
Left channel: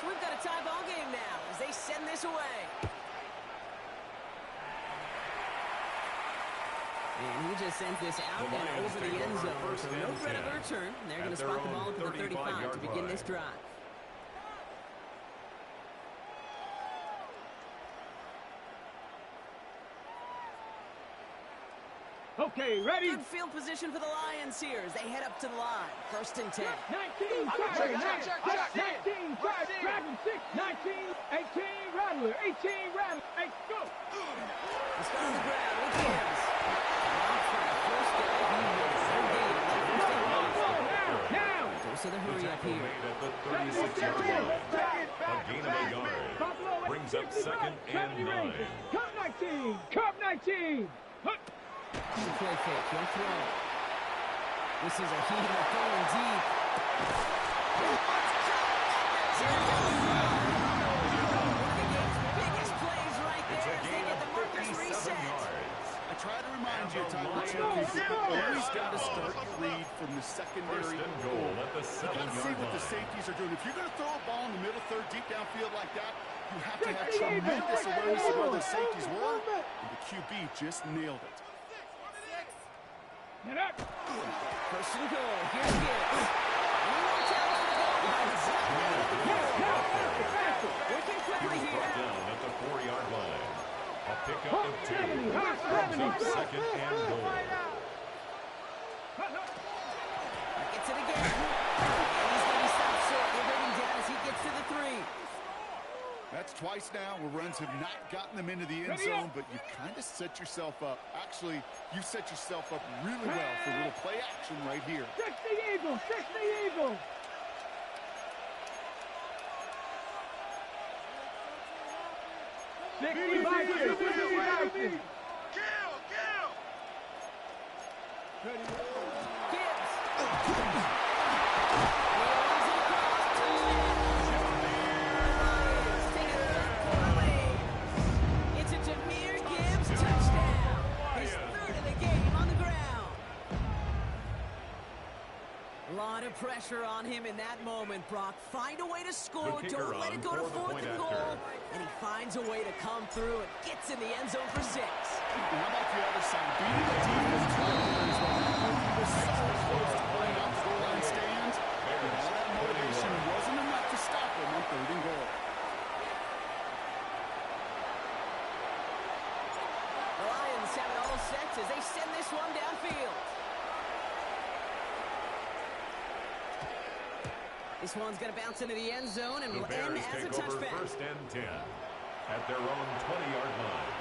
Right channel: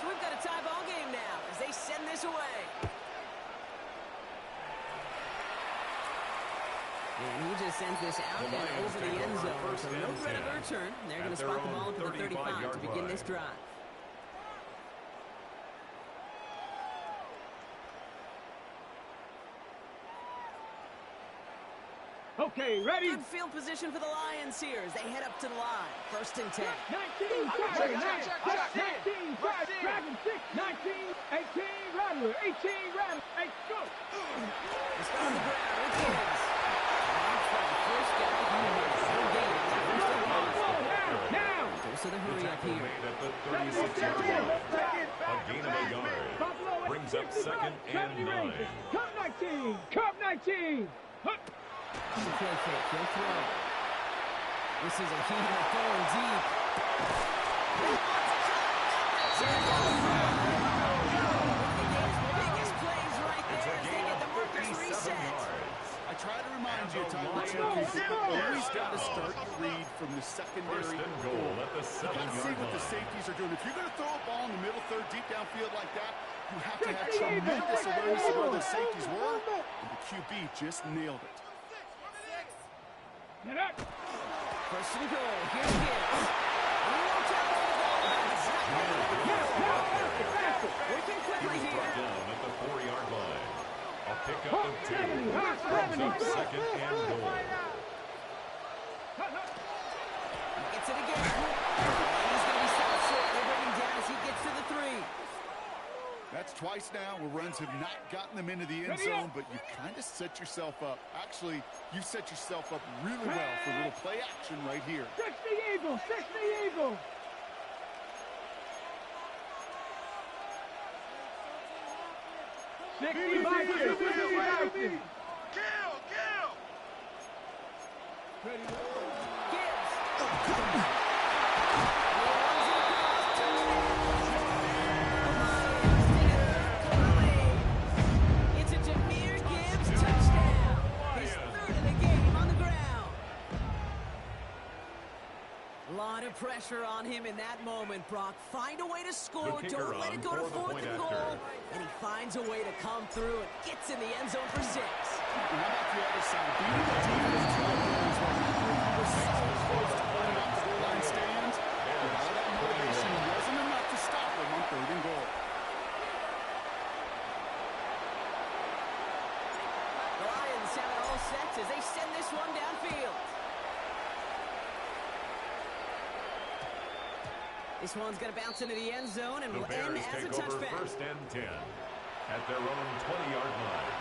So we've got a tie ball game now as they send this away. And he just sends this out The and Lions over the take end over zone. first So and no threat 10 of a return. They're going to at their spot the own ball at the 35 to 35-yard begin line. this drive. Okay, ready? Good field position for the Lions here as they head up to the line. 1st and 10. 19, Dragon 6, 19, 18 Rattler, 18 Rattler. Hey, go. Let's go on the ground with Gibbs. Off by the first guy. He makes no gain on that first and long. Now. Goes to the The hurry up tackle here. made at the 36-yard line. A gain of a yard. Buffalo Brings up 2nd and 9. Cup 19, Cup 19. On the play fake, he'll throw. This is a heater going deep. One of the game's biggest plays right there as they get the markers reset. I try to remind you, Ty, but you always got to start your read from the secondary goal. At the You got to see 7-yard what the line. safeties are doing. If you're going to throw a ball in the middle third, deep downfield like that, you have to have tremendous awareness of where those safeties were, and the QB just nailed it. Get up. First and goal. Here's Gibbs. And he won't challenge for the goal line. It's not getting at the four. Working quickly He was brought here. down at the 4-yard line. A pickup of 2. 70, Brings up 2nd and goal. He gets it again. And he's going to be stopped short. They bring him down as he gets to the 3. That's twice now where runs have not gotten them into the end zone, but you kind of set yourself up. Actually, you set yourself up really well for a little play action right here. 60 Eagles, 60 Eagles. Gibbs. He runs it across. Touchdown. It's a Jahmyr Gibbs touchdown. His third of the game on the ground. A lot of pressure on him in that moment, Brock. Find a way to score. The kicker Don't let on it go to for the 4th point and goal. after. And he finds a way to come through and gets in the end zone for 6. And how about the other side? Beating the defense right there is what happened. He was so close to pulling out the goal line stand, but all that motivation wasn't enough to stop him on 3rd and goal. The Lions have it all set as they send this one downfield. This one's going to bounce into the end zone and The will end Bears as a take over touchback. 1st and 10 at their own 20-yard line.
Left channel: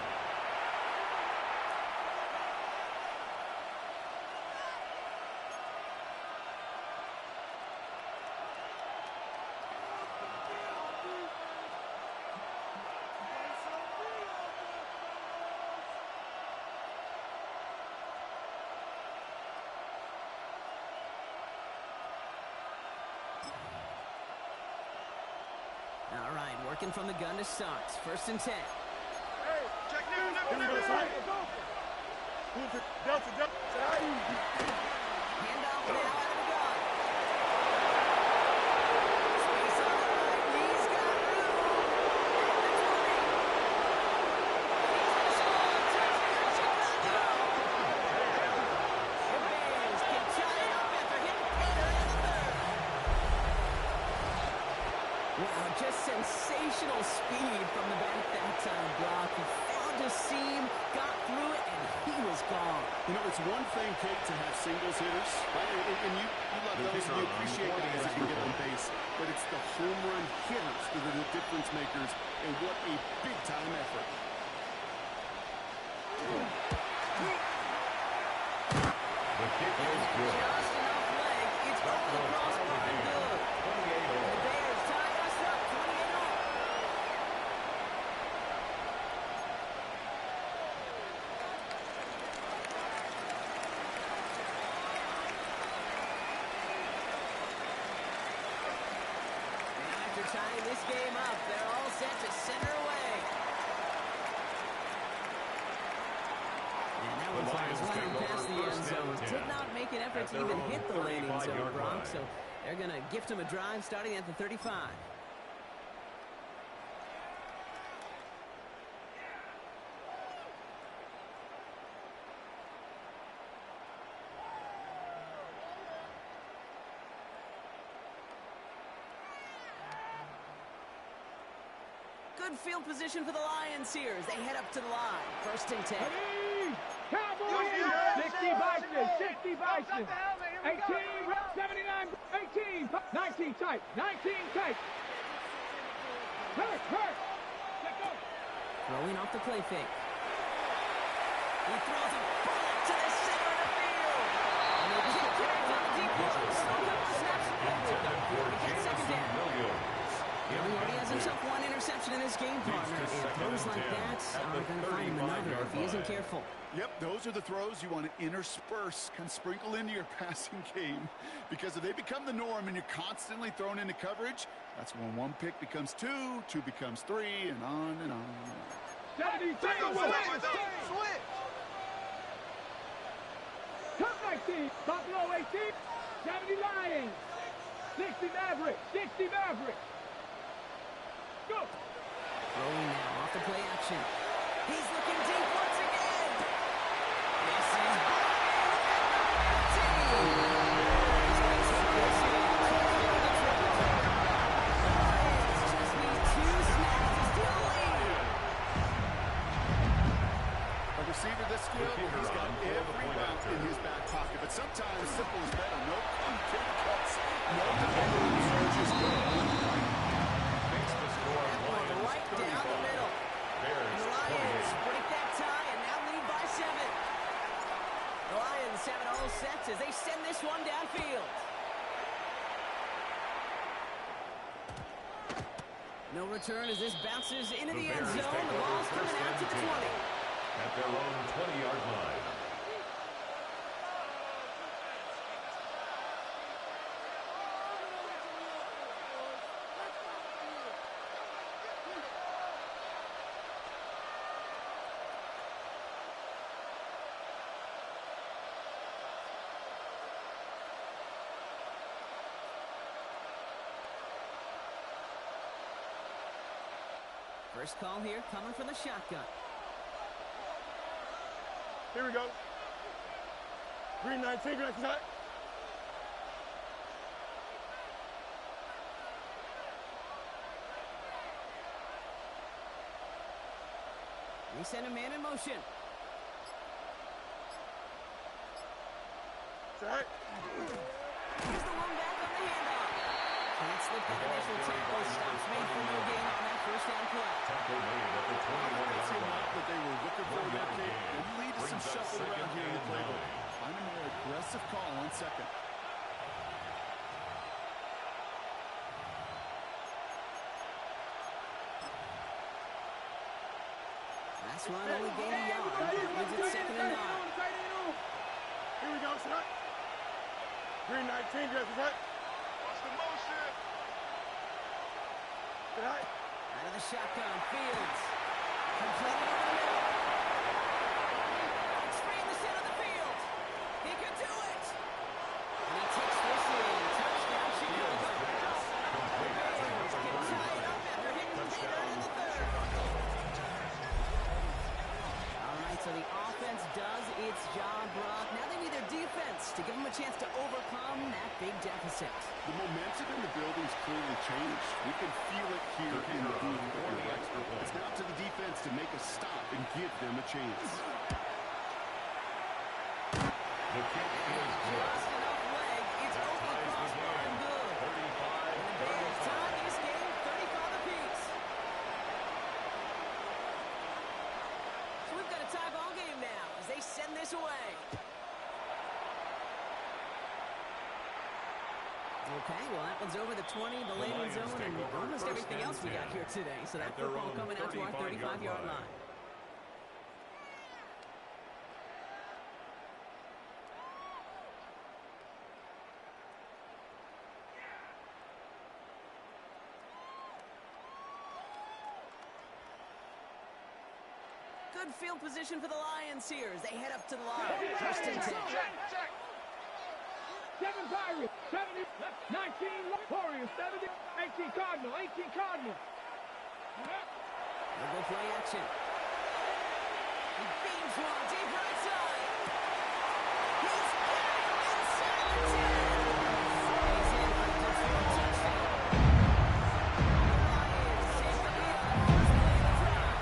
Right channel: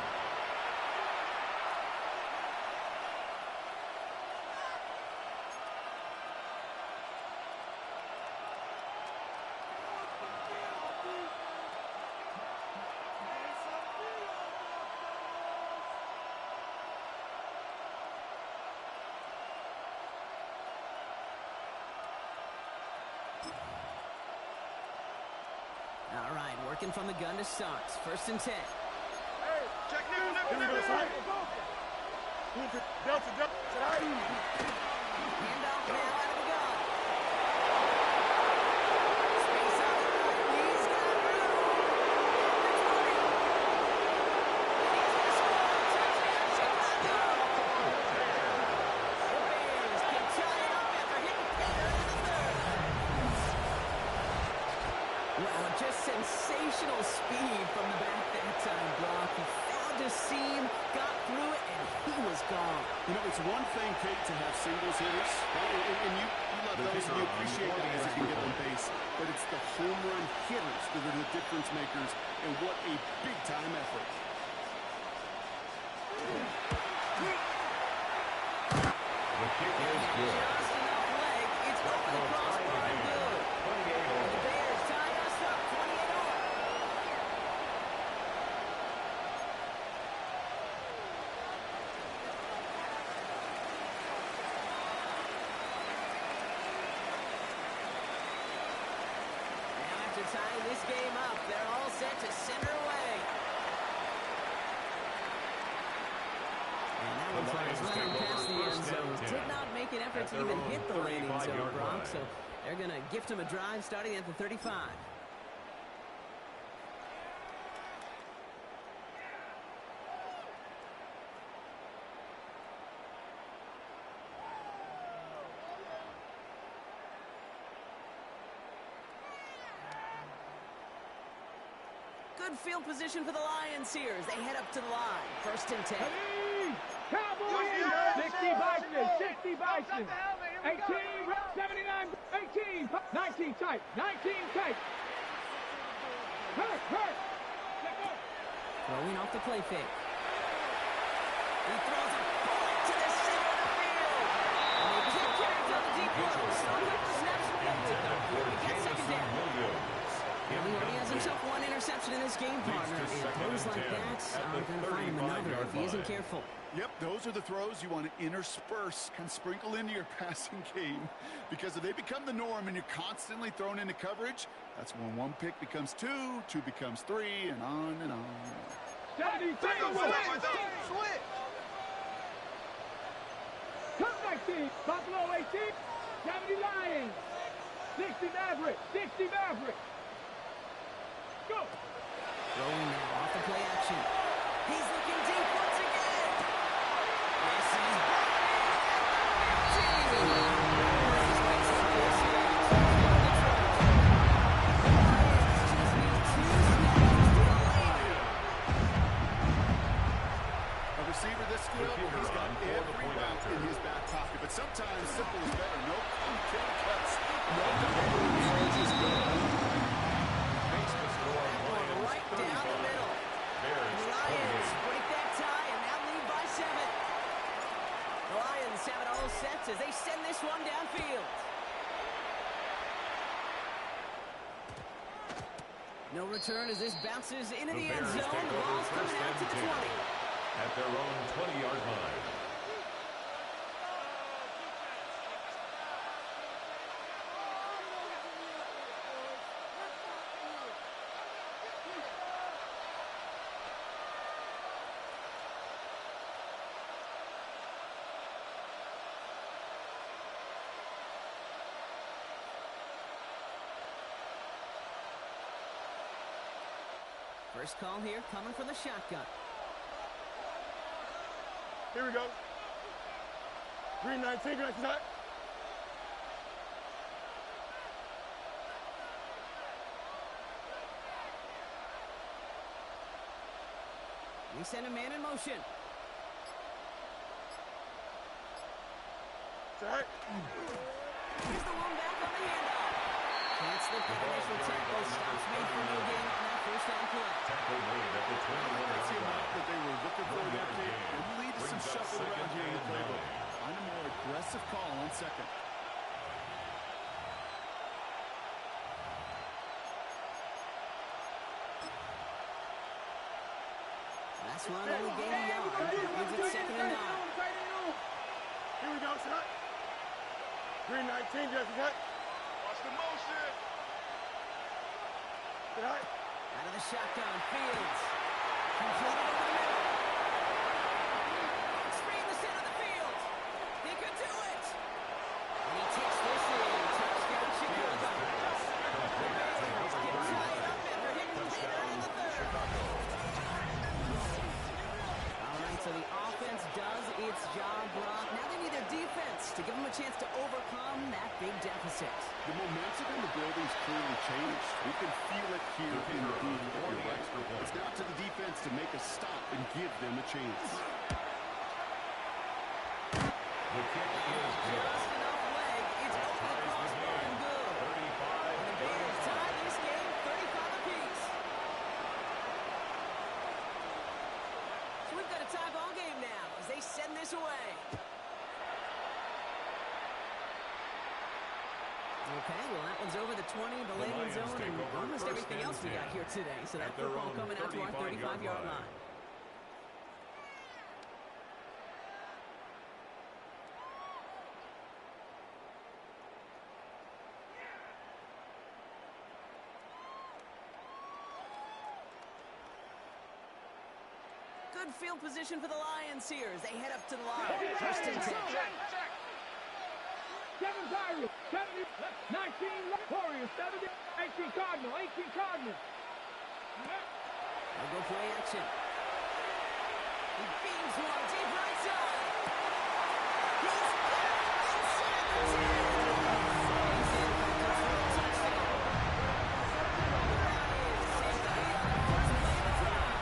All right, working from the gun to start. 1st and 10. Hey, check nickel. Delta. Handoff now out of the gun. Space on the right. He's got room. At the 20. And he's going to score. Touchdown, Chicago. The Bears can tie it up after hitting Taylor in the 3rd. Wow, just sensational speed from the back that time, Brock. He found a seam, got through it, and he was gone. You know, it's one thing, Kate, to have singles hitters, right? And you love those, and you appreciate guys that can get on base. But it's the home run hitters that are the difference makers, and what a big-time effort. The kick is good. Just enough leg. It's That over the will tie crossbar the and game. good. 28 The all. Bears tie us up 28 all. Now after tying this game up, they're all set to center away. And that The one flies Lions running take past over the end 1st zone. and 10 Did not make an effort at to their even own hit the landing zone, 35-yard Brock. line. So they're going to gift him a drive starting at the 35. Good field position for the Lions here as they head up to the line. 1st and 10. Ready? Cowboys. 60 Bison, 60 Bison. 18, 79, 18, 19 tight, 19 tight. Hurt. Let go. Throwing off the play fake. He throws a bullet to the center of the field. And they kick carries on the deep ball. Still a couple of snaps to play with, though. Intended for We get 2nd Jameson down. Williams. Well, he already has himself one interception in this game, partner, and throws like that are going to find him another if he isn't careful. Yep, those are the throws you want to intersperse, kind of sprinkle into your passing game, because if they become the norm and you're constantly thrown into coverage, that's when one pick becomes two, two becomes three, and on and on and on. 70, Switch! Come 19, Buffalo 18, 70 Lions, 60 Mavericks, 60 Mavericks. Go! Throwing now off the play action. He's looking deep once again. This is Brian at the 15. He's going to take this in. Touchdown Detroit. The Lions just need 2 snaps to steal a lead. A receiver this skilled, he's got every route in his back pocket, but sometimes simple is better. No complicated cuts, no just go. Makes the score Lions Right down the middle. Bears The Lions break that tie and now lead by 7. The Lions have it all set as they send this one downfield. No return as this bounces into the end Bears zone. take The over ball's coming first out to and the 10 20. at their own 20-yard line. First call here coming from the shotgun. Here we go. Green 19, green attack. They send a man in motion. Attack. Here's the one back on the handoff. Can't slip that initial tackle. Stops made for no gain on that first down play. Tackle made at the 21-yard line. That they were looking for that kick and lead to some Brings up shuffle around here in the 2nd and playbook. 9. Find a more aggressive call on second. Last run only gained a yard. That leaves it 2nd and 9. Here we go, shot. Green 19, dress attack. Watch the motion. Attack. Out of the shotgun, Fields. Completed over the middle. It's free in the center of the field. He could do it. And he takes this in. Touchdown, Chicago. The Bears get tied up after hitting Taylor in the 3rd. All right, so the offense does its job, Brock. Now they need their defense to give them a chance to overcome that big deficit. The momentum in the building's clearly changed. We can feel it here in the booth. You're right. It's now to the defense to make a stop and give them a chance. The kick is good. Just enough leg. It's That Oki ties the crossbar game. and good. 35, And the Bears tie this game 35 apiece. So we've got a tie ball game now as they send this away. Okay, well, that one's over the 20, the landing Lions zone, take and over almost first everything and else we got 10 here today. So that at their football own coming out to our 35-yard 35-yard line. line. Good field position for the Lions here as they head up to the line. First and 10. 7 Pirates, 70, 19 Warriors, 70, 18 Cardinal, 18 Cardinal. They'll go play action. He beams one deep right side. He's got it inside the 10. He's in for the Detroit touchdown. The Lions take the lead on the first play of the drive.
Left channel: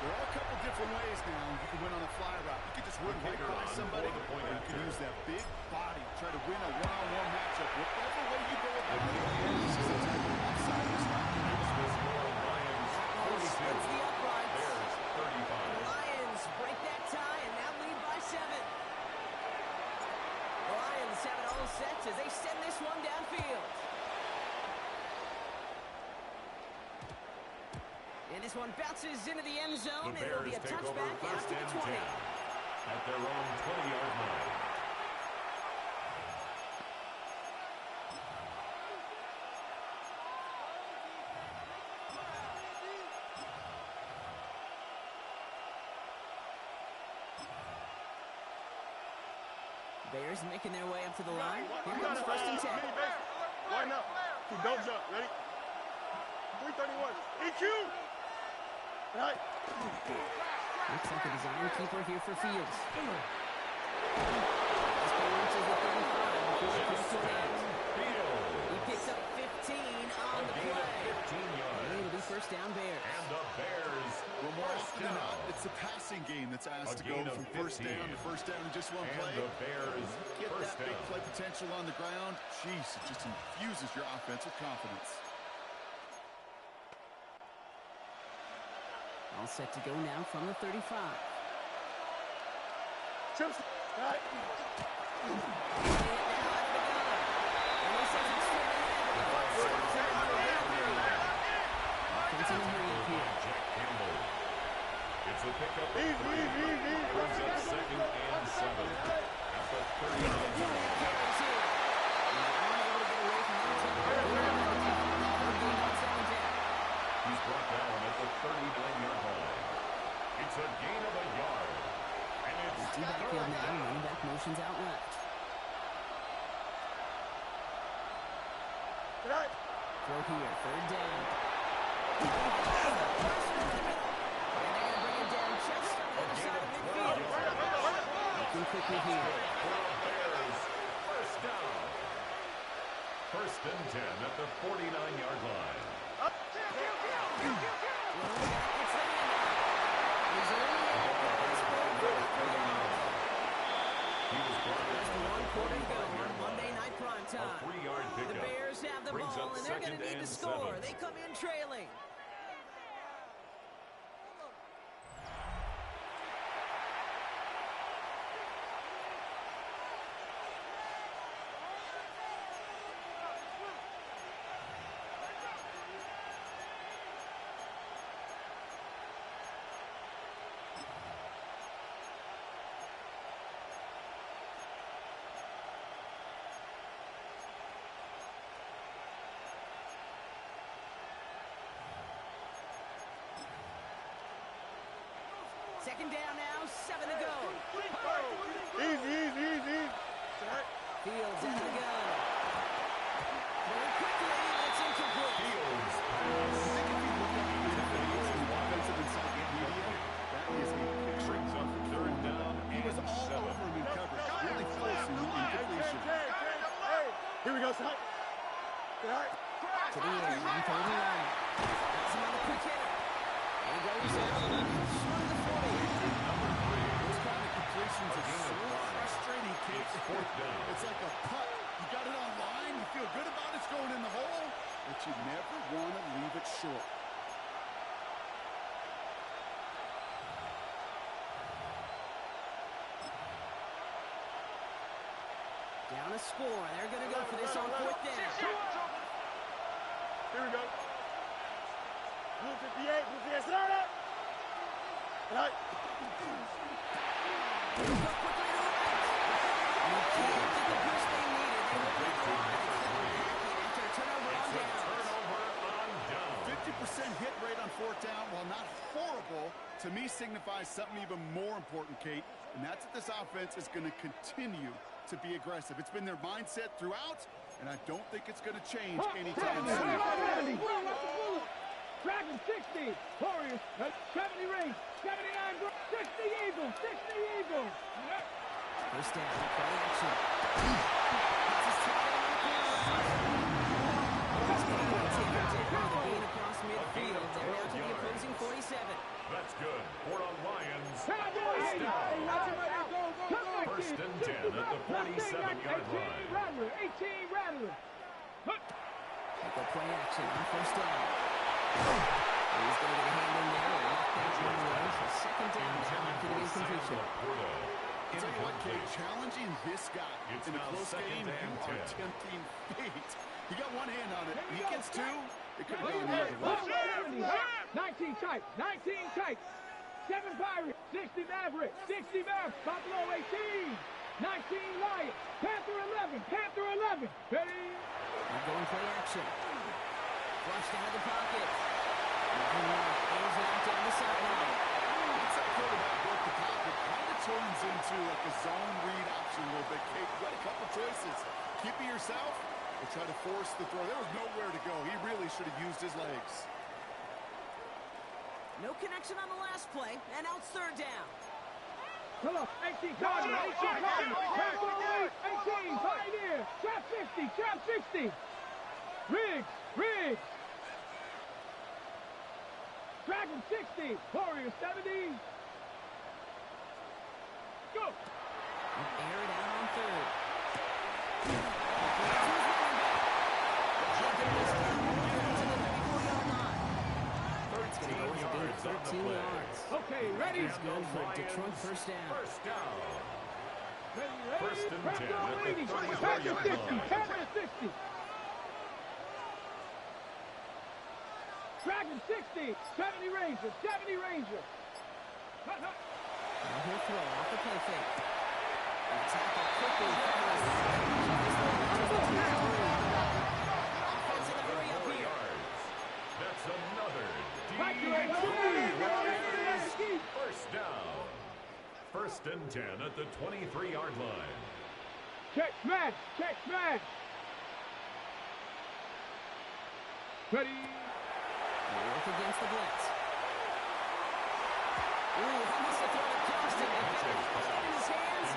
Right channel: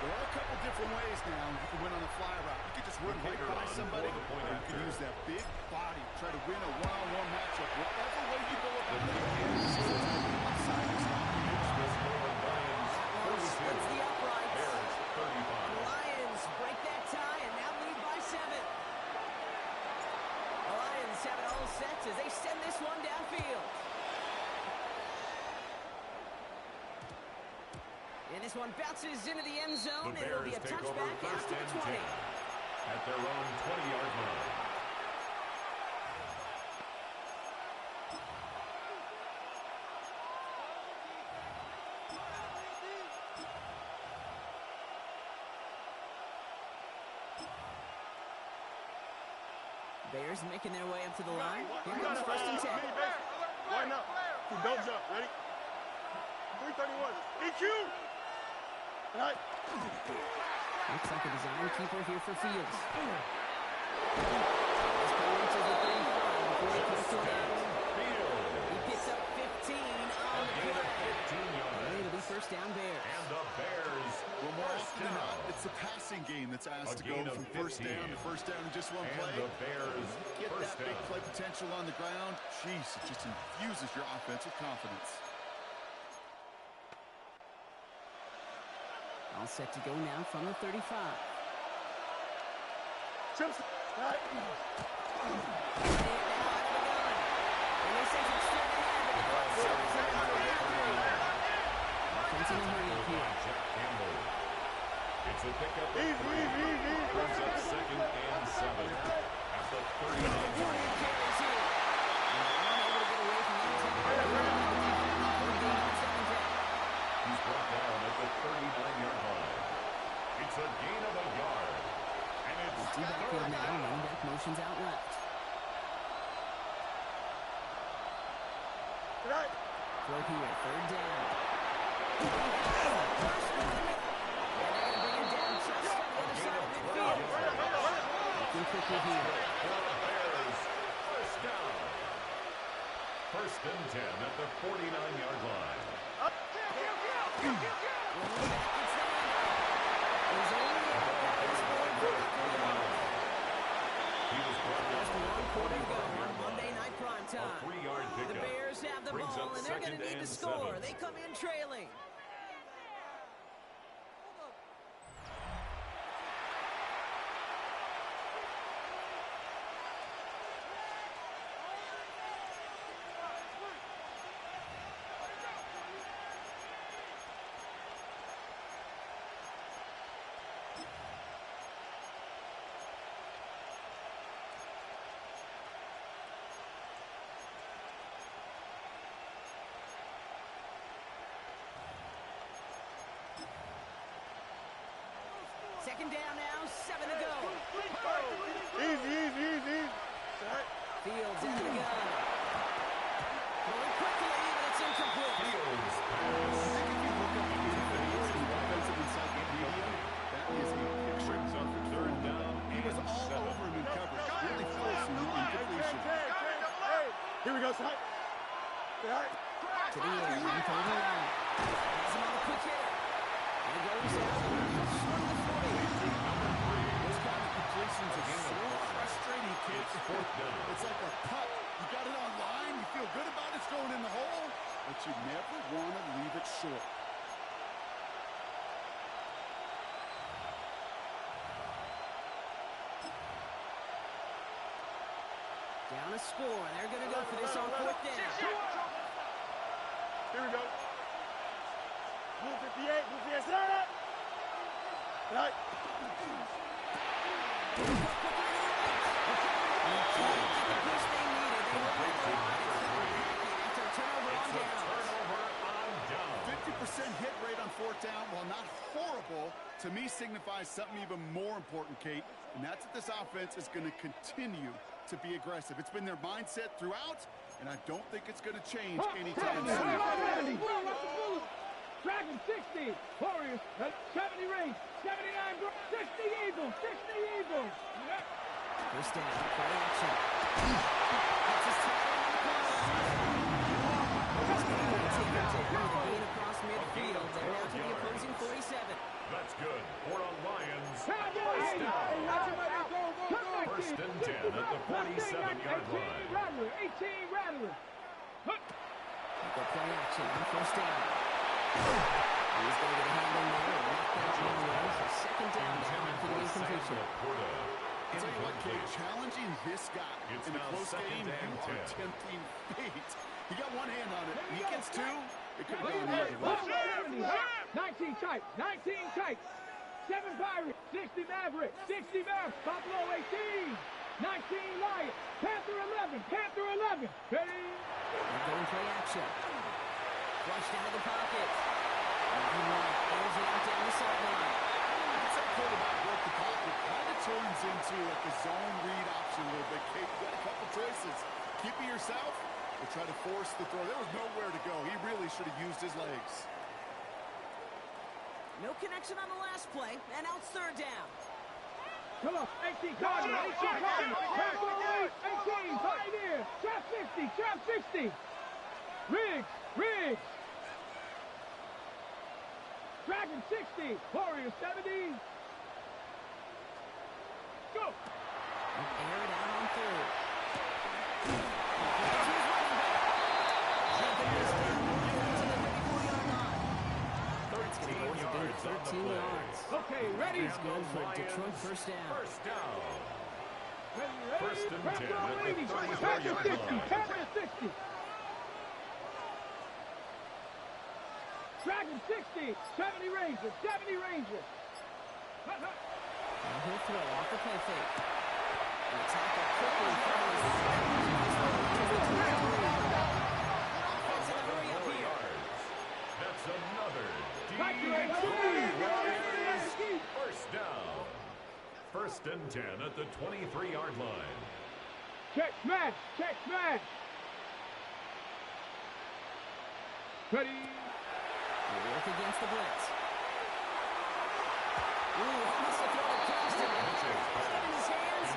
There are a couple different ways now. You can win on a fly route. You can just run right by somebody, or you can use that big body, try to win a one-on-one matchup. Whatever way you go about it, this is the type of upside this route can give Makes you. the score Lions That one 42. splits the uprights. Bears The 35. Lions break that tie and now lead by 7. The Lions have it all set as they send this one downfield. And this one bounces into the end zone, The and it'll be Bears a take over touchback out first to the and 20. 10 at their own 20-yard line. Bears making their way up to the line. Here comes first and 10. Line up. Don't jump. Ready? 331. EQ! Right. Looks like a design keeper here for Fields. This play reaches the 35 before it comes to an end. He picks up 15 on the play. 15 yards. And it'll be first down Bears. And the Bears Well, more first often than down. not, it's the passing game that's asked to go gain of from first 15. down to first down in just one And play. the Bears Get first that big down. play potential on the ground. Jeez, it just infuses your offense with confidence. All set to go now from the 35. Trips. Right. Play it now out of the gun. And they send it straight ahead, but the clock starts at the 33. Offense in a hurry up here. Jack Campbell. It's a pickup of Easy. 3. Brings up second and 7 at the 39-yard line. Carries here. He's unable to get away from that tackle. Third gain on second down. He's brought down at the 39-yard line. It's a gain of a yard. And it's Two backfield third now. down. Running back motions out left. Right. Throw here. Third down. He has the first one in the middle. And they're going to bring him down just on the other side of midfield. Looking quickly here. For the Bears, first down. First and 10 at the 49-yard line. Running back gets the handoff. He's only able to cut this forward for about 3 yards. He was brought down Just at one the quarter to go 45-yard on Monday line. Night Prime A Time. 3-yard The pickup. Bears have the Brings ball, up and they're going second to need and to score. 7. They come in trailing. Second down now, 7 to go. Easy. Right. Fields in the gun. Throwing quickly, but it's incomplete. Fields I pass. think if you look up the defensive encyclopedia, that is a picture Brings up of third down He was and all 7. over him in coverage, really forcing the incompletion. Hey, here we go, son. Right. To the air, on third and long. Has him on the quick hitter. And he goes out short of the 40. Number 3. Those kind of completions are gain of so 5. frustrating, Kate. It's fourth down. It's like a putt. You got it on line, you feel good about it, it's going in the hole, but you never want to leave it short. Down a score, and they're going to go for this on fourth down. Here we go. Blue 58, Blue 58, sit down. Right. He'll go quickly to the right. And he can't get the push they needed. They hold it at the line. It's going to back in after a turnover on It's a downs. turnover on down. 50% hit rate on fourth down, while not horrible, to me signifies something even more important, Kate, and that's that this offense is going to continue to be aggressive. It's been their mindset throughout, and I don't think it's going to change anytime soon. Dragon 60, Warriors, 70 range, 79, 60 Eagles, 60 Eagles. First down, play action. That's his tight end on the corner. It's going to be taken down with a gain across midfield. They're now to the opposing 47. That's good for a Lions. Cowboys, First and 10 at the 47-yard line. 18 Rattler, 18 Rattler. They go play action on first down. He's going to get a hand in there and knock that one away. So second down now after the incompletion. I'll tell you what, Kate, challenging this guy It's in a now close second game, and you are 10. tempting fate. He got one hand on it. He gets two, It could have gone the other way. 19 tight. 19 tight. 7 Pirates. 60 Mavericks. 60 Mavericks. Buffalo 18. 19 Lions. Panther 11. Panther 11. Ready? They're going play action. Flushed out of the pocket. Airs it out down the sideline. It's that quarterback broke the pocket. Kind of turns into like a zone read option a little bit. Kate, you got a couple choices. Keep it yourself or try to force the throw. There was nowhere to go. He really should have used his legs. No connection on the last play, and now it's third down. Come on. 18 Cardinals. 18 Cardinals. 18 Pioneer. Trap 60. Trap 60. Riggs. Riggs. Dragon 60. Warrior 70. Go. Air it out on third. To his running back. Jumping this down to the 34-yard line. 13 yards on the 13 play. yards. Okay, ready. He's good for a Detroit first down. First down. Ready, ready. First and 10 Panther at the 80. 34-yard Panther 60. line. Panther 60. Dragon 60. 70 Ranger. 70 Ranger. Now he'll throw off the play fake. And the tackle quickly follows. Offense in a hurry up 4 here. yards. That's another Keep. first down. First and 10 at the 23-yard line. Check smash. Check smash. Ready. We'll work against the blitz. Ooh, almost a throw to Johnston. Had it in his hands.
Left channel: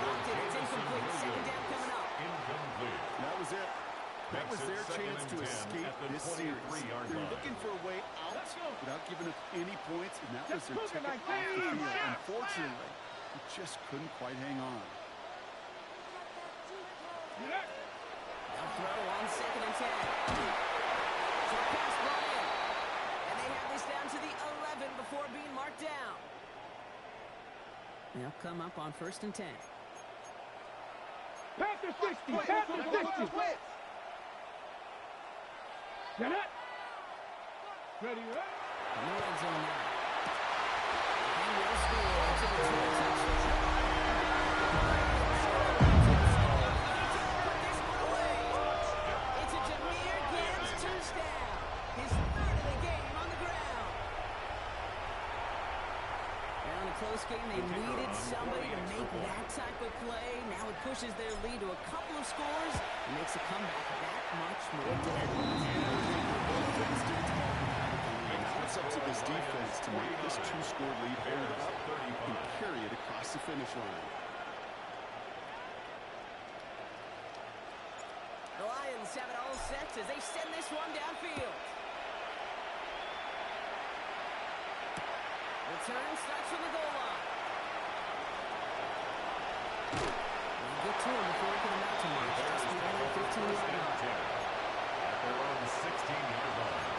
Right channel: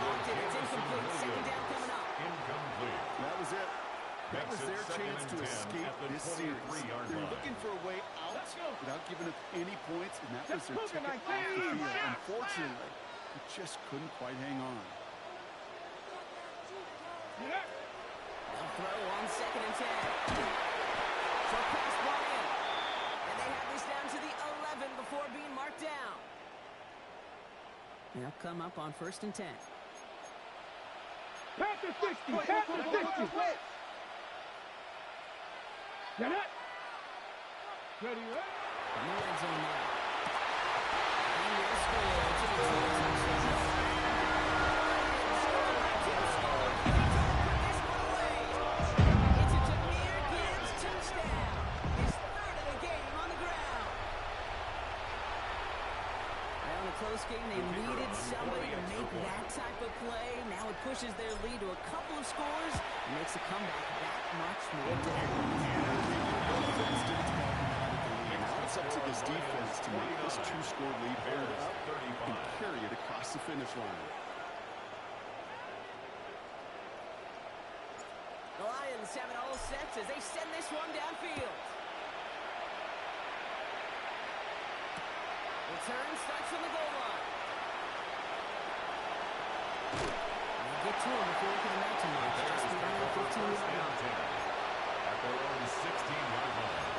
Blocked it. It's incomplete. Second down coming up. Incomplete. That was it. That was Makes it their second chance and to 10 escape at the this series. 23-yard They were line. looking for a way out Let's go. without giving up any points, and that was Let's their go, ticket off United. the field. Yes. Unfortunately, he just couldn't quite hang on. They'll throw on second and 10. Short pass brought in. And they have this down to the 11 before being marked down. They'll come up on first and 10. Panther 60. Panther 60. Get it. Ready, ready. In the red zone now. He will score to the touchdown. Put this one away. It's a Jahmyr Gibbs touchdown. His third of the game on the ground. Well, in a close game, they needed somebody to make that type of play. Now it pushes their lead to a couple of scores and makes a comeback that much more difficult. Now it's up to this defense to make this two-score lead hold up and carry it across the finish line. The Lions have it all set as they send this one downfield. Return starts from the goal line. They get to him before he can amount to much. Just behind the 15-yard line. At their own 16-yard line.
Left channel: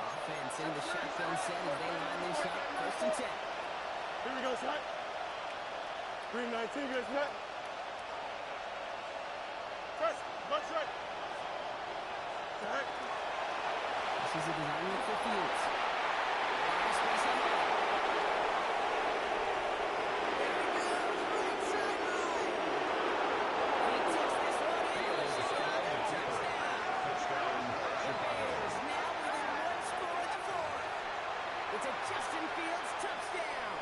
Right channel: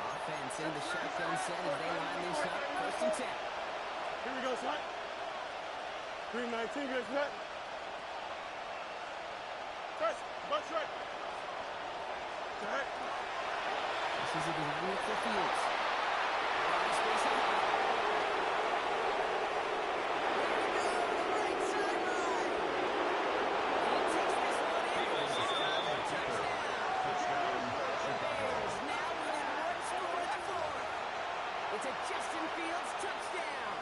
Offense in the shotgun set as they line this up. First and 10. Here we go, son. Green 19, good set. Press, bunch right. Jack. This is a design look for Fields. A lot of space ahead. There he goes, right sideline. He takes this one in for Chicago. Touchdown. The Bears now within one score at the fourth. It's a Justin Fields touchdown.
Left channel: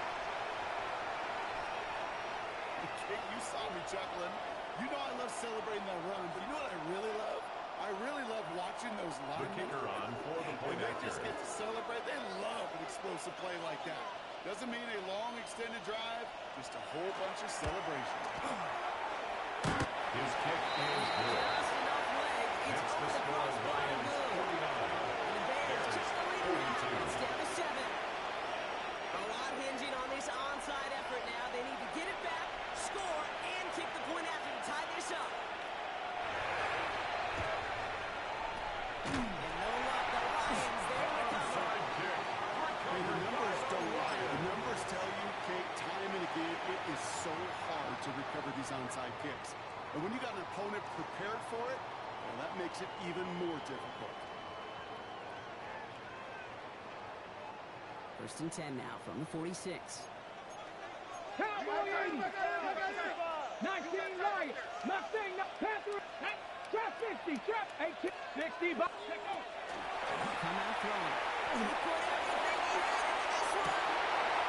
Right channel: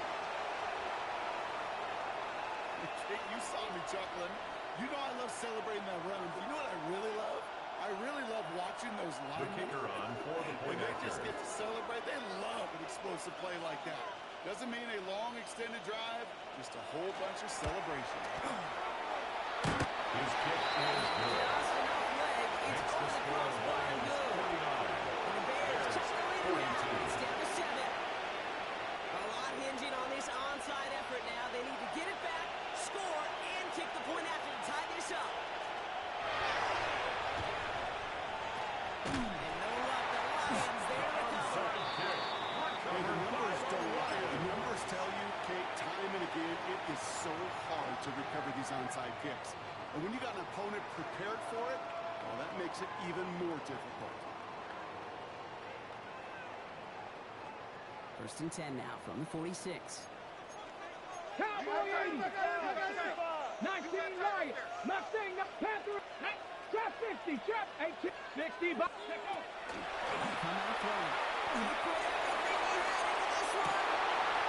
Kate, you saw me chuckling. You know I love celebrating that run. But you know what I really love? I really love watching those The linemen. kicker on for the When point they after. just get to celebrate, they love an explosive play like that. Doesn't mean a long extended drive, just a whole bunch of celebration. His kick is good. Just enough leg. It's Makes over the the score crossbar and Lions good. 49. And the Bears took the lead now. 42. It's down to 7. A lot hinging on this onside effort now. They need to get it back, score, and kick the point after to tie this up. And no luck. The Lions there to recover. Onside kick. is so hard to recover these onside kicks. And when you got an opponent prepared for it, well, that makes it even more difficult. 1st and 10 now from the 46. Cowboy 80. 19 Lions. Mustang. Panther. Trap 50. Trap 18. 60. Come out throwing. He put everything he had into this one.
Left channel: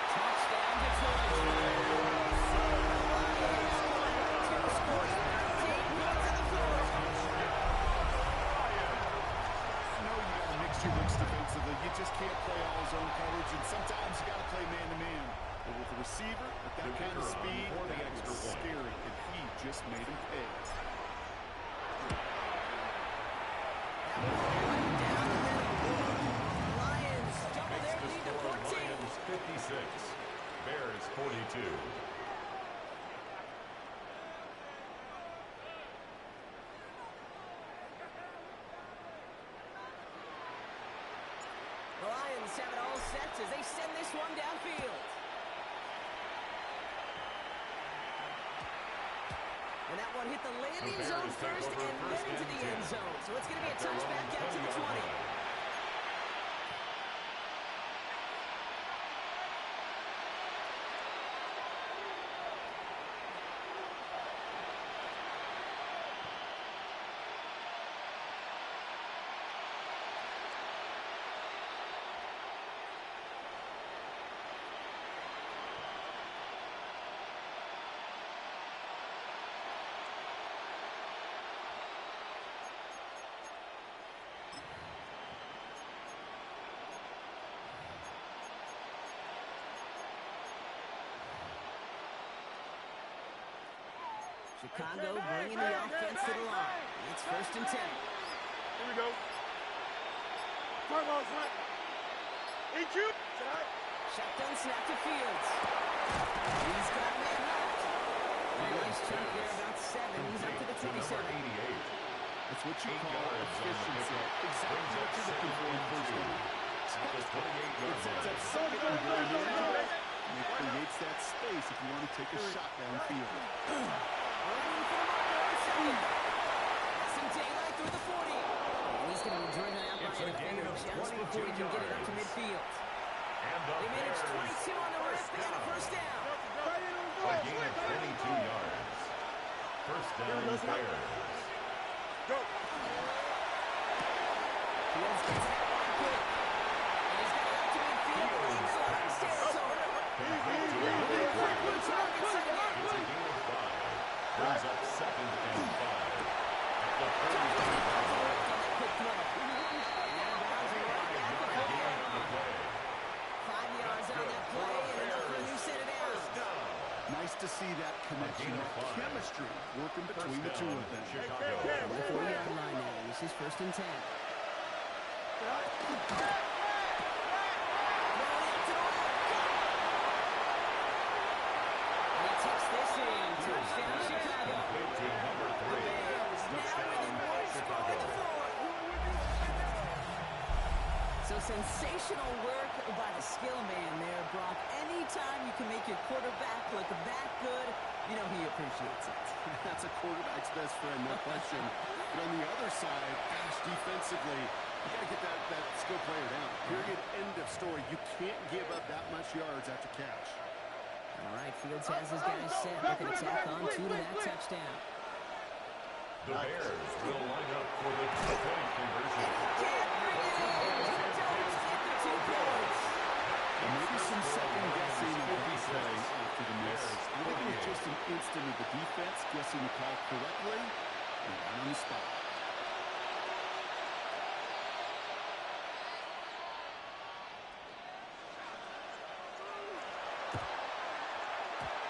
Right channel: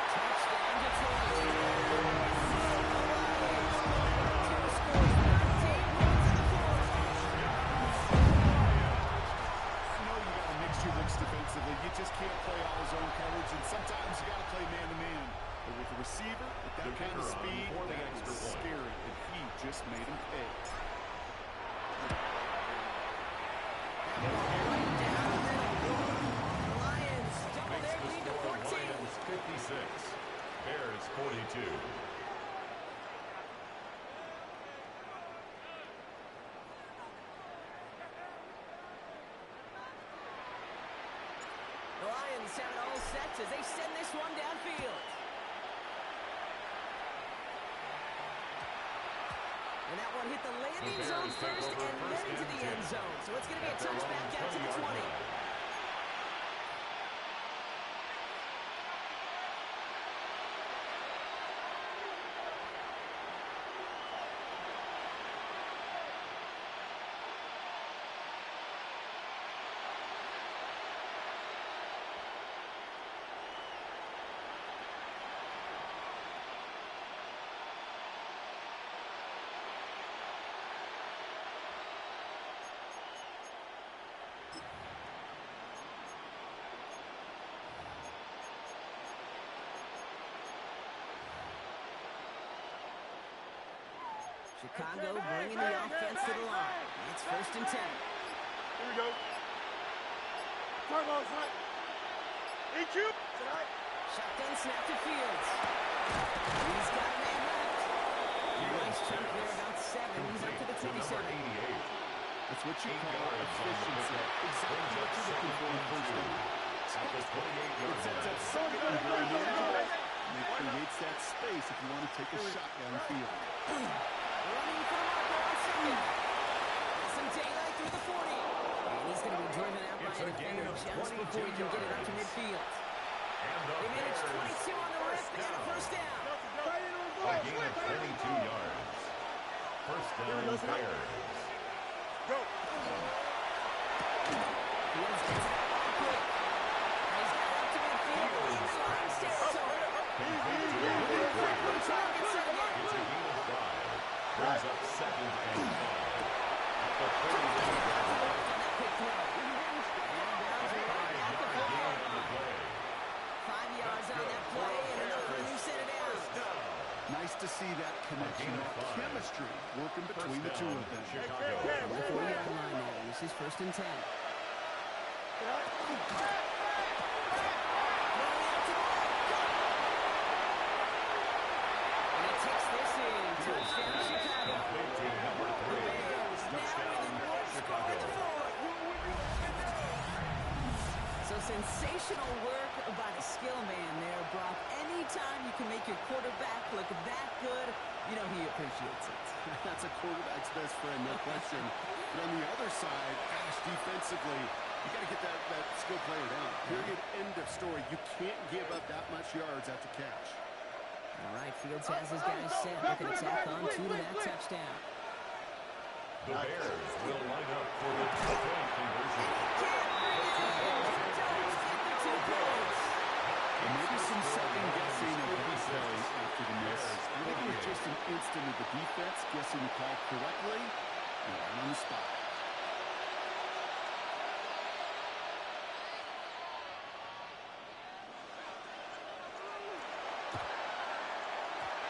Touchdown, Detroit. The Lions scored 2 scores, 13 points in the 4th. I know you got to mix your looks defensively. You just can't play all zone coverage, and sometimes you got to play man-to-man. But with the receiver, with that kind of speed, that was scary, and he just made him pay. That ball right down the middle. The Lions double their lead to 14. Lions 56, Bears 42. The Lions have it all set as they send this one downfield. And that one hit the landing zone first and then into the end zone. So it's going to be a touchback out to the 20. Chicago bringing the offense to the line. It's 1st and 10. Here we go. Turbo's hot. EQ. Tonight. Shotgun snap to Fields. He's got a man left. Nice chunk there, about 7. He's up to the 27. That's what you call efficiency. Exactly what you're looking for in first down. At the 28-yard It sets up something very manageable, and it creates that space if you want to take a shot downfield. Running for the marker on 2nd. Has some daylight through the 40. And he's going to be driven out by a defender just before he can get it up to midfield. They managed 22 on the rip and a 1st down. A gain of 22 yards. 1st down, Bears. Go. Fields gets it out one quick. And he's got it up to midfield into Lions territory. Targets it again. It's a gain of 5. Brings up 2nd and 5. At the 30-yard line. On that quick throw. And bounds right at the 4-yard line. 5 yards on that play and enough for a new set of downs. Nice to see that connection, that chemistry working between the two of them. Chicago. On the 40-yard line now. This is 1st and 10. And he takes this in. Touchdown, Chicago. Complete to number 3. Bears now within one score in the 4th. So sensational work by the skill man there, Brock. Anytime you can make your quarterback look that good, you know he appreciates it. That's a quarterback's best friend, no question. But on the other side, gosh, defensively, you got to get that skill player down. Period, end of story. You can't give up that much yards after catch. All right, Fields has his guys set. Looking to tack on 2 to that touchdown. The Bears will line up for the 2-point conversion. Can't bring it in. They don't get the 2 points. And maybe some second guessing of that play after the miss. I think it was just an instant of the defense guessing the call correctly and right on the spot.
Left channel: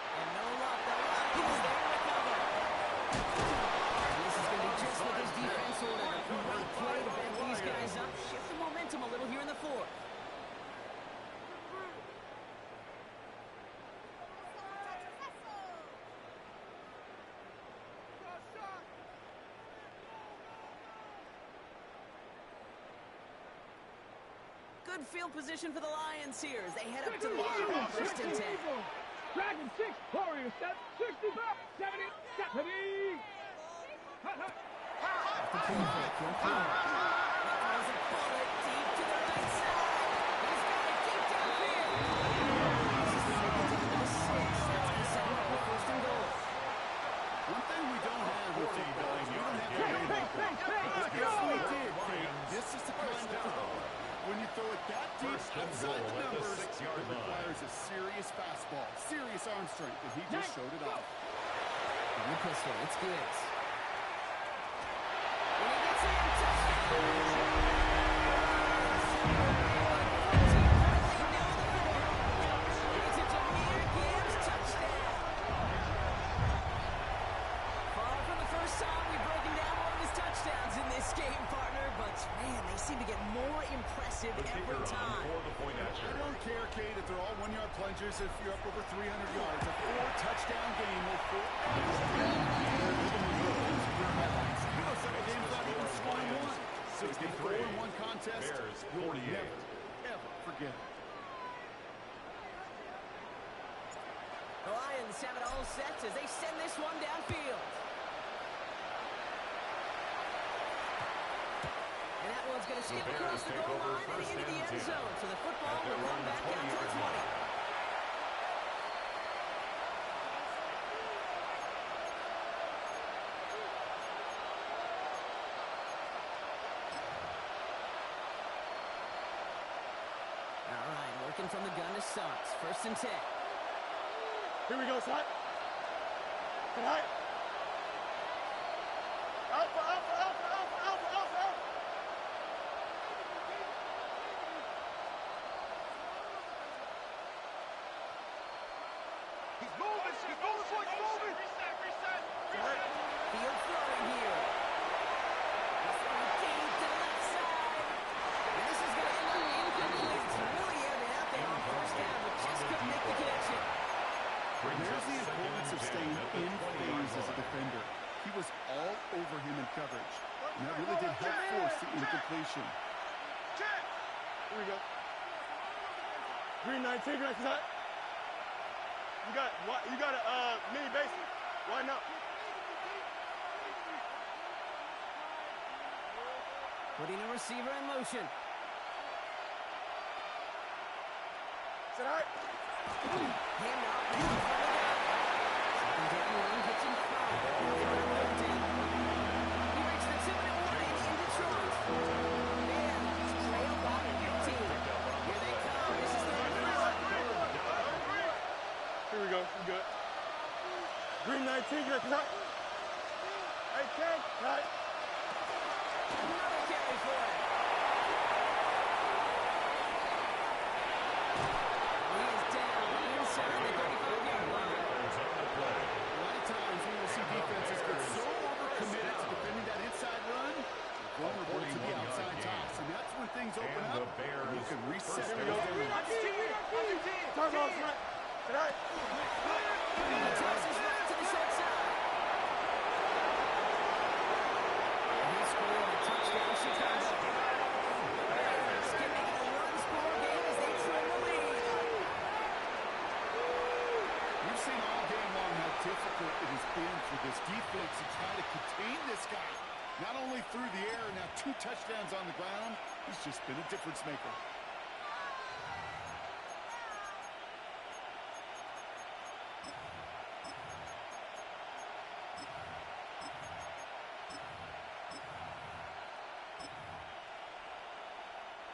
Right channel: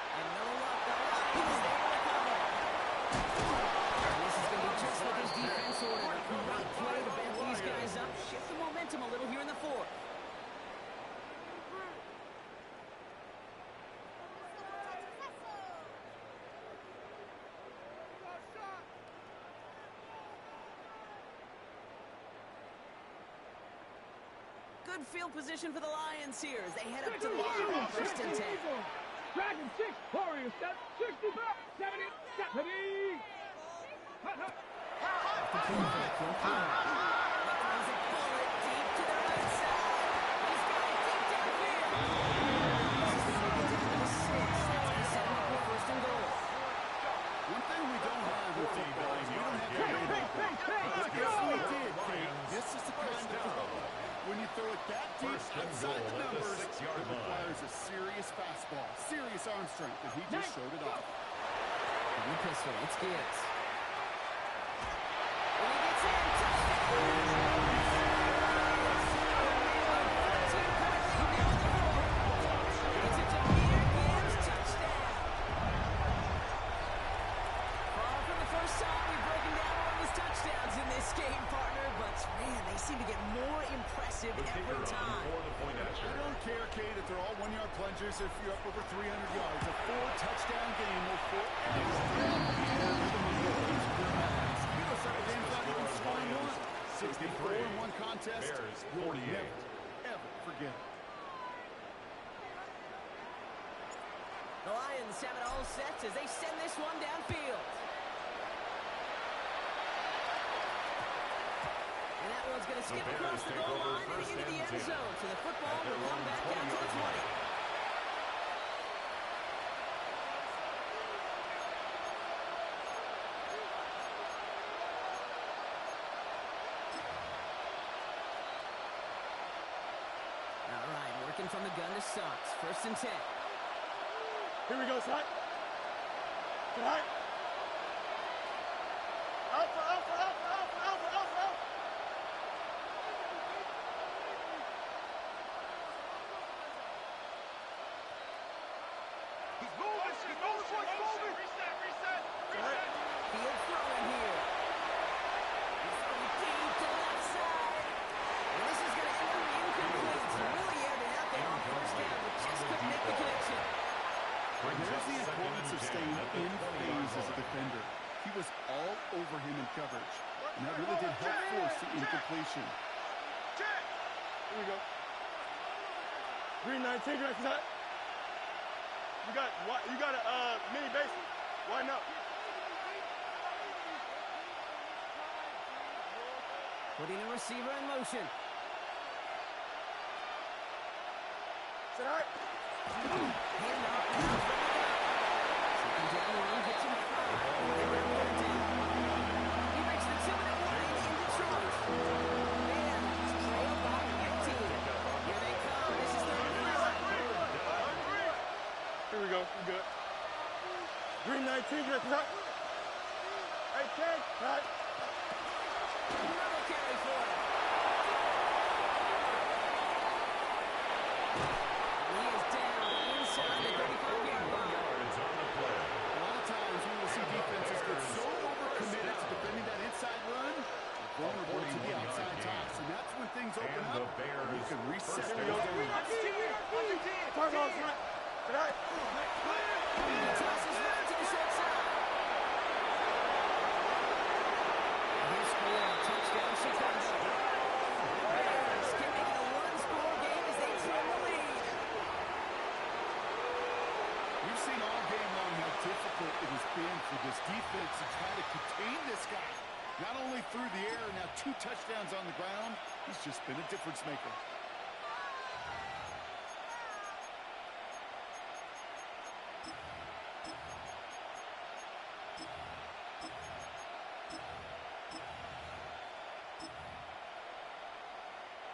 And no luck. The Lions there to recover. And this is going to be just what this defense ordered. A great play to bend these guys up. Shift the momentum a little here in the 4th. Good field position for the Lions here as they head up to the line. 1st and 10. Dragon 6, Warriors 65, 70, 70. He throws a bullet deep to the right side. He's got it deep downfield. This is going to get down to the 6. That's going to set him up with first and goal. One thing we don't have with football is we don't have the playmaker. Yes, we did, Kate. This is the kind of throw. When you throw it that deep outside the numbers, it requires a serious fastball, serious arm strength, and he just showed it off. New pistol, it's Gibbs. When he gets in, touchdown! It's a Jameer Gibbs touchdown. Far from the first time we've broken down one of his touchdowns in this game, partner, but man, they seem to get more impressive every time. I don't care, Kate, if they're all one-yard plungers, if you're up over 300 yards. A 4-touchdown game will forever stand in the rhythm of those career highlights. You know, some games not even scoring one. 64-1 contest, you'll never, ever forget it. The Lions have it all set as they send this one downfield. And that one's going to skip across the goal line and into the end zone. So the football will come back out to the 20. All right, working from the gun to start. First and 10. Here we go, Side. Side. Alpha, alpha, alpha, alpha, alpha, alpha, alpha. He's moving, he's moving. Reset. Field throwing here. He's throwing deep to the left side. And this is going to end up incomplete. So really aired it out there on first down, but just couldn't make the connection. There's the importance of staying in phase as a defender. He was all over him in coverage, and that really did help force the incompletion. Check. Here we go. Green 19, green 19. You got a mini basic. Why not? Putting the receiver in motion. Sit high. Hand off now from the gun. Second down run gets him 5. They're on third down. He breaks the 2-minute warning in Detroit. Bears trail by 15. Here they come. This is third and 5. Here we go. We good. Green 19, green 19. Hey, Ken. Right. Another carry for it. He is down inside the 35-yard line. A lot of times we will see defenses get so overcommitted to defending that inside run, they're vulnerable to the outside toss, and that's when things open up, and you can reset. Here we go. Turn off, right. Sit high. He tosses right to the short side. He'll score a touchdown, Chicago. Bears can make it a one-score game as they trim the lead. We've seen all game long how difficult it has been for this defense to try to contain this guy. Not only through the air, now 2 touchdowns on the ground. He's just been a difference maker.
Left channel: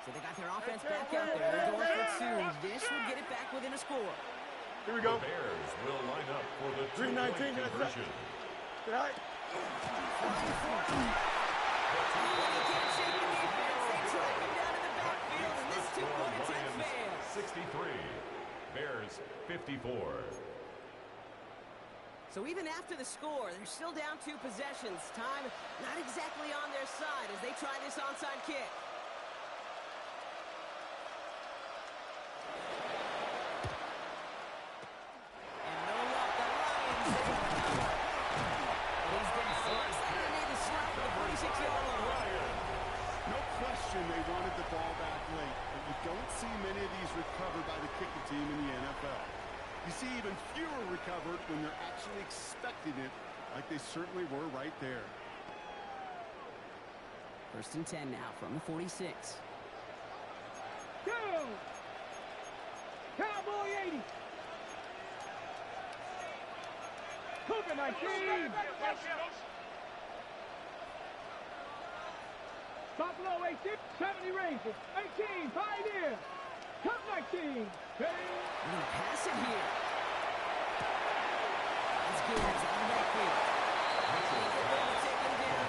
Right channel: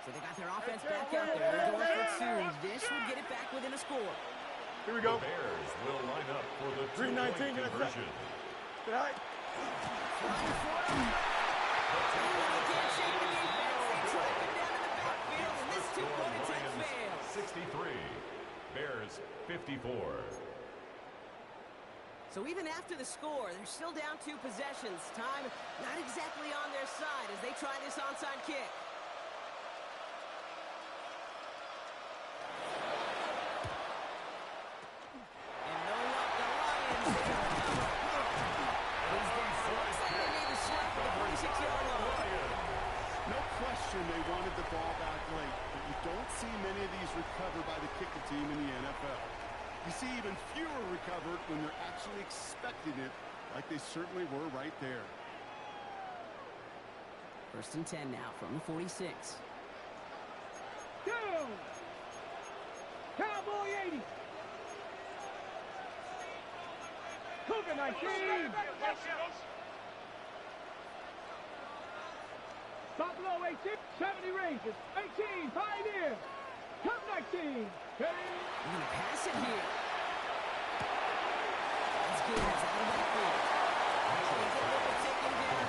So they got their offense back out there. They're going for 2. This would get it back within a score. Here we go. The Bears will line up for the Green 19, conversion. Sit high. He can't shake the defense. They track him down in the backfield, and this 2-point attempt fails. 63. Bears 54. So even after the score, they're still down 2 possessions. Time not exactly on their side as they try this onside kick. And no luck, the Lions, they recover. He's down. Looks like they made the stop at the 46-yard line. No question they wanted the ball back late, but you don't see many of these recovered by the kicking team in the NFL. You see even fewer recovered when they're actually expecting it, like they certainly were right there. 1st and 10 now from the 46. Go! Cowboy 80. Cougar 19. Buffalo 18. 70 Rangers. 18 Pioneer. Cup 19. They're going to pass it here. Finds Gibbs out of that field. Taken down.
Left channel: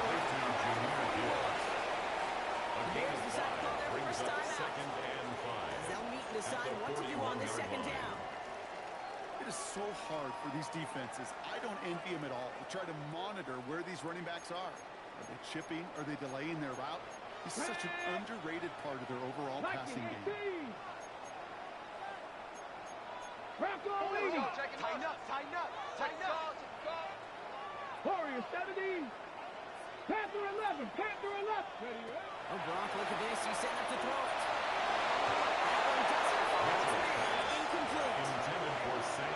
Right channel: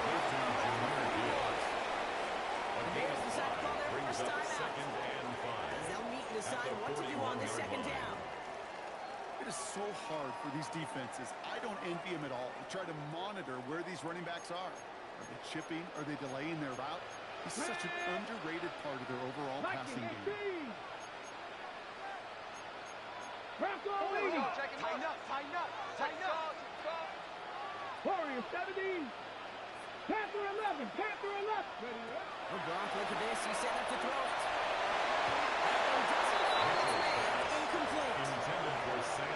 A gain of 5 brings up 2nd and 5. They'll meet and decide what to do on this 2nd down. It is so hard for these defenses. I don't envy them at all to try to monitor where these running backs are. Are they chipping? Are they delaying their route? He's such an underrated part of their overall passing game. Bronco 80. Tighten up, tighten up, tighten up. Warrior 70. Panther 11. Panther 11. Oh, Gronk, look at this. He's setting up to throw it. That one doesn't fall through. Incomplete. Intended for Sam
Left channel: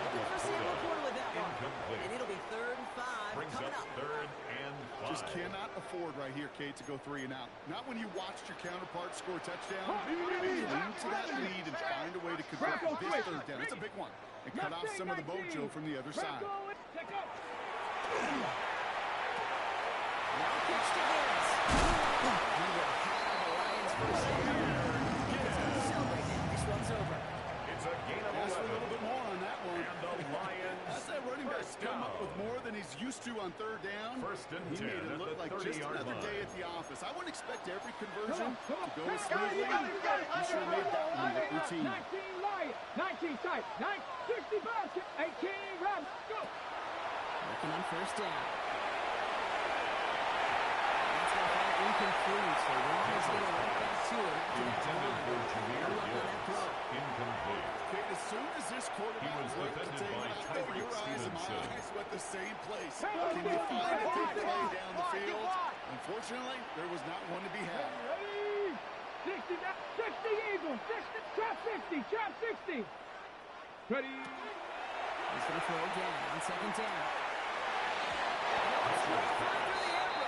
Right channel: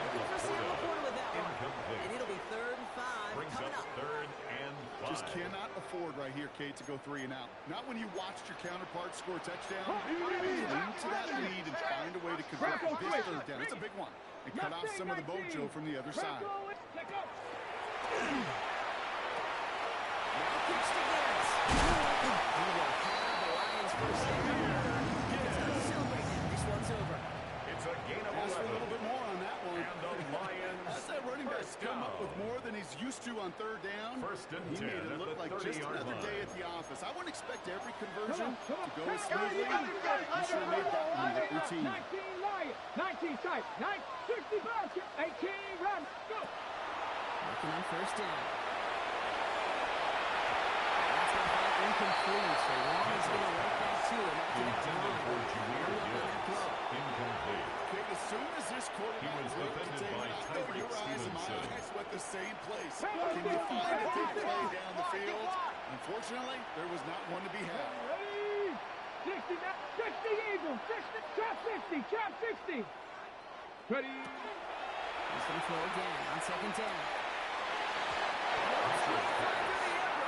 Laporta with that one. Incomplete. And it'll be 3rd and 5 Brings coming up. 3rd and 5. Just cannot afford right here, Kate, to go 3 and out. Not when you watched your counterpart score a touchdown. Lean to that lead and find a way to convert this 3rd down. It's a big one. And cut off some of the mojo from the other side. Now pitch to Gibbs. He will have the Lions first down. He's going to celebrate now. This one's over. It's a gain of 11. Ask for a little bit more on that one. And the Lions. As that running back's come up with more than he's used to on 3rd down. 1st and 10 he made it look like just another day at the office. I wouldn't expect every conversion to go as smoothly. He sure made that one look routine. 19 Lions. 19 tight. 65. 18 run. Go. Working on 1st down. That's going to fall incomplete. So Ron is going to right back to him after that Intended for run. Jameer Gibbs. Incomplete. Okay, as soon as this quarterback He was broke the defended table, by I know Tyreek your eyes and my Stevenson. eyes went the same place. Can you find a big play down the field? Unfortunately, there was not one to be had. Ready? 60 Eagles. 60. Chop 60. Chop 60. Ready? He's going to throw again on 2nd down.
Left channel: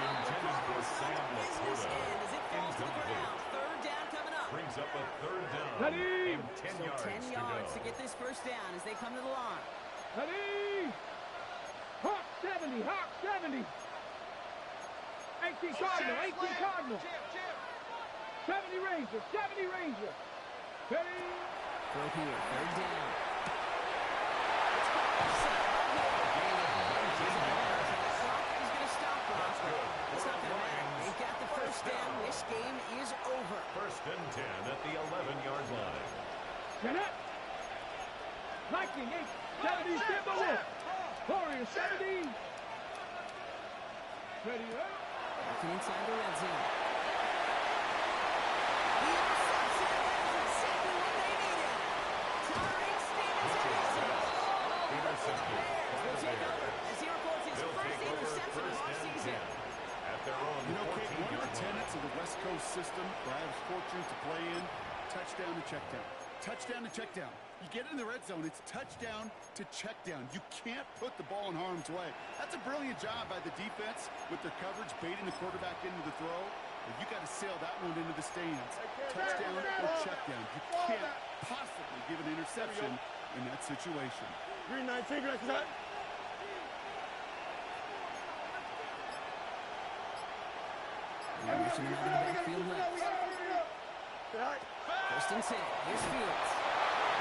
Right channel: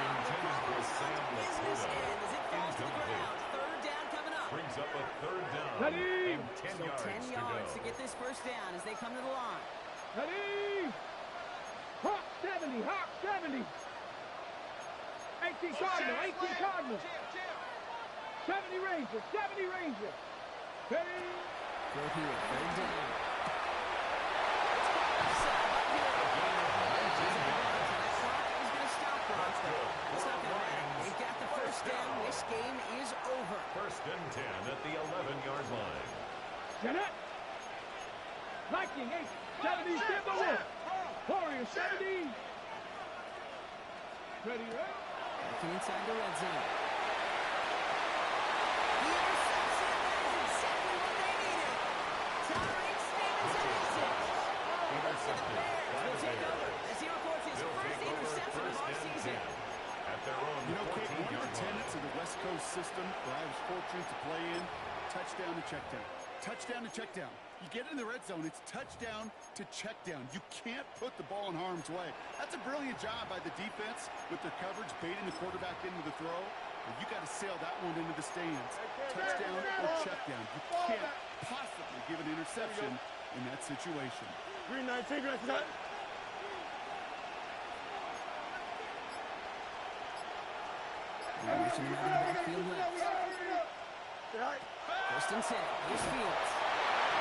Intended for Sam Business Laporta. end as it falls to the Incomplete. ground. 3rd down coming up. Brings up a 3rd down. Ready? And 10 So yards 10 to yards go. to get this 1st down as they come to the line. Ready? Hawk 70. Hawk 70. 18 Cardinal. 18 Cardinal. 70 Ranger. 70 Ranger. Ready? Throw here. 3rd down. It's caught offside uphill. A gain of 19 yards. That clock is going to stop Gronk. That's good. It's not going to matter. Lions. They've got the 1st down. This game is over. 1st and 10 at the 11-yard line. Get it. Viking 8. 70 Timberwolf. Warrior 70. Ready, right? Working inside the red zone. He intercepts it. That is exactly what they needed. Tyreek Stevenson is it. Intercepted Bears by will the take over Bears. as he records his They'll first take over interception of 1st our and season. 10 at their own You know, Kate, one of 14-yard the tenets line. of the West Coast system that I was fortunate to play in, touchdown to check down. Touchdown to check down. You get in the red zone, it's touchdown to check down. You can't put the ball in harm's way. That's a brilliant job by the defense with their coverage, baiting the quarterback into the throw. But you got to sail that one into the stands. Touchdown or check down. You can't possibly give an interception in that situation. Green 19, green 19. Motion him out of the backfield left. 1st and 10. Here's Fields.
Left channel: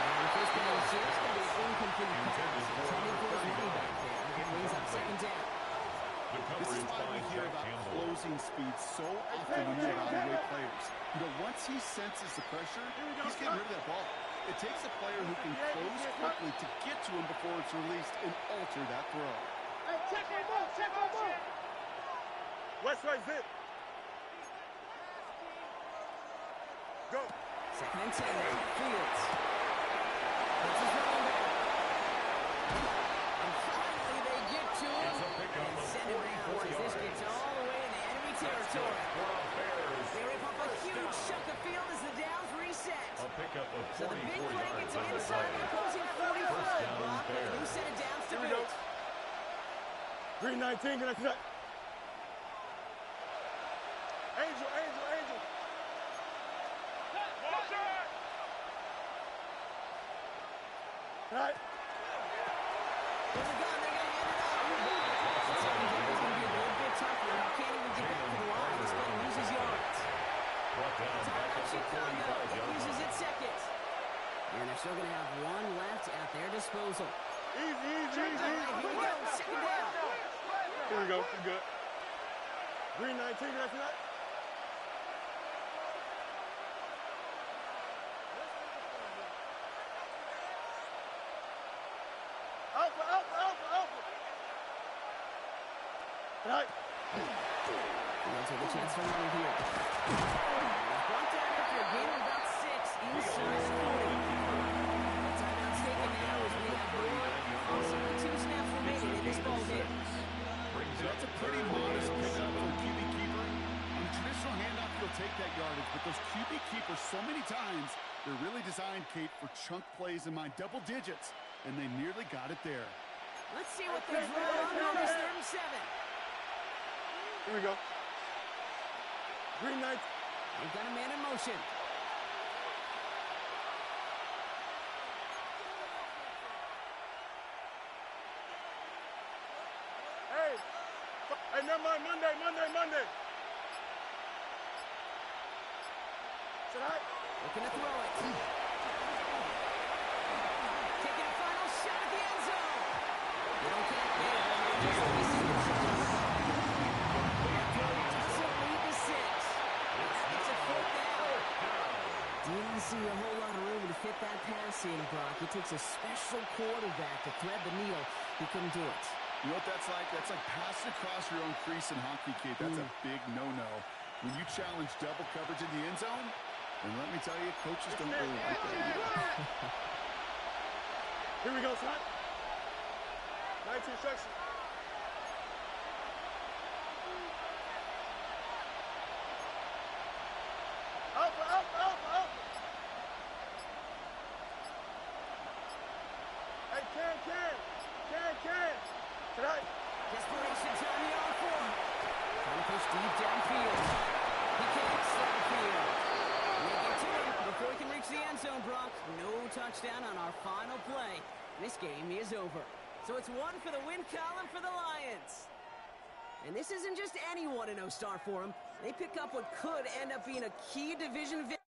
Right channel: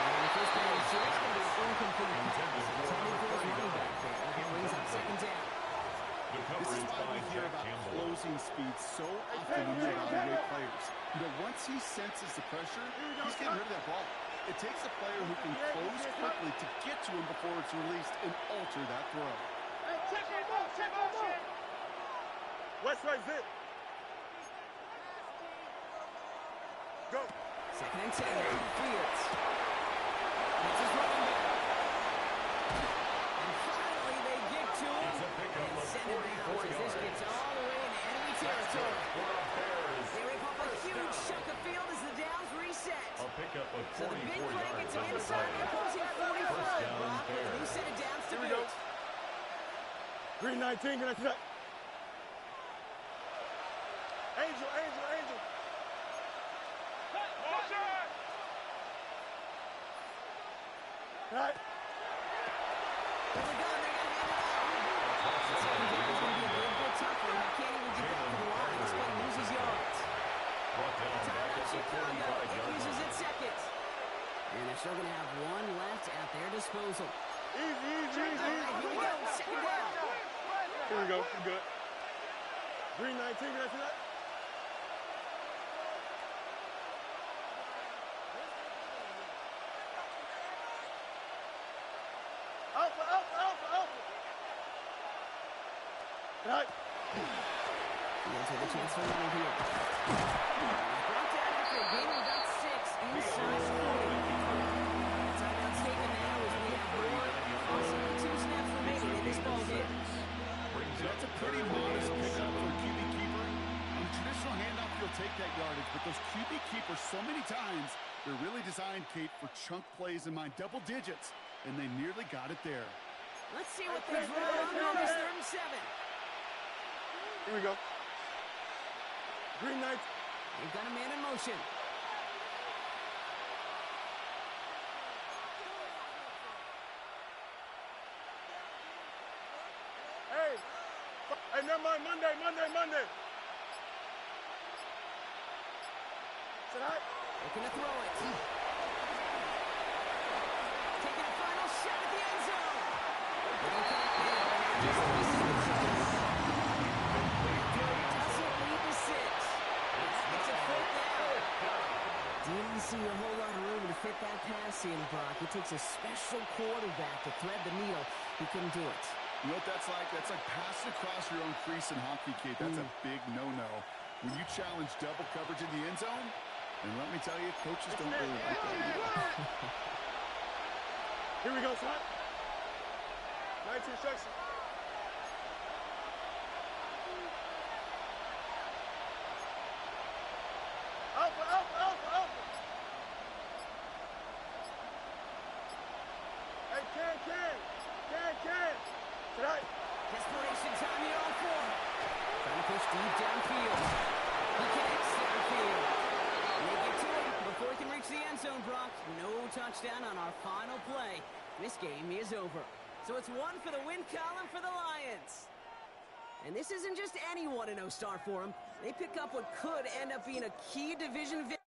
And first down is here. It's going to be an incomplete pass. Intended for Intended for his running 39. back there. It brings up 2nd down. The This is coverage why by we hear Jack about Campbell. closing speed so often when you evaluate players. You know, once he senses the pressure, he's getting rid of that ball. It takes a player who can close quickly to get to him before it's released and alter that throw. Hey, check on ball. Check on ball. West right zip. Go. 2nd and 10 now. Fields. That's his running back. And finally they get to him It's a pickup and of send him out 44 as this yards. gets all the way into enemy That's good territory. for a Bears They rip up a first huge down. chunk of field as the downs reset. A pickup of So the big 44 play yards gets on him the inside the play. opposing 45 First down block with a fair. new set of downs to Here we go. boot. Green 19, can I see that? Angel, Angel, Angel. Motion! Right. There's a gun, they're going to hand it off. The second down is going to be a little bit tougher. He can't even get back to the line. He's going to lose his yards. Brought down back Timeout at the Chicago. 45-yard It uses line. its second. And they're still going to have one left at their disposal. Easy, easy, easy. All right, here we go. Second down. Here we go. We're good. Green 19, can I see that? Alpha, Alpha, Alpha, Alpha. Right. Fields with a chance to run it here. He's brought down after a gain of about 6 inside the 40. The timeout's taken now as we have possibly 2 snaps remaining in this ball game. That's a pretty modest pickup for a QB keeper. On a traditional handoff, you'll take that yardage, but those QB keepers, so many times, they're really designed, Kate, for chunk plays in mind, double digits, and they nearly got it there. Let's see what they draw on this 3rd and 7. Here we go. Green 19. They've got a man in motion. Hey. Hey, never mind. Monday, Monday, Monday. Said I. Looking to throw it. Taking a final shot at the end zone. They don't connect there. Just 3 seconds to go. Doesn't lead to 6. That makes it 4th down. Didn't see a whole lot of room to fit that pass in, Brock. It takes a special quarterback to thread the needle. He couldn't do it. You know what that's like? That's like passing across your own crease in hockey, Kate. That's a big no-no. When you challenge double coverage in the end zone, and let me tell you, coaches don't really like that. Here we go, son. 19 instruction. Alpha, Alpha, Alpha, Alpha. Hey, can. Tonight. Desperation time here on 4. Trying to push deep downfield. He connects downfield. And they get to him before he can reach the end zone, Brock. No touchdown on our final play. This game is over. So it's 1 for the win column for the Lions. And this isn't just any 1-0 start for them. They pick up what could end up being a key division victory.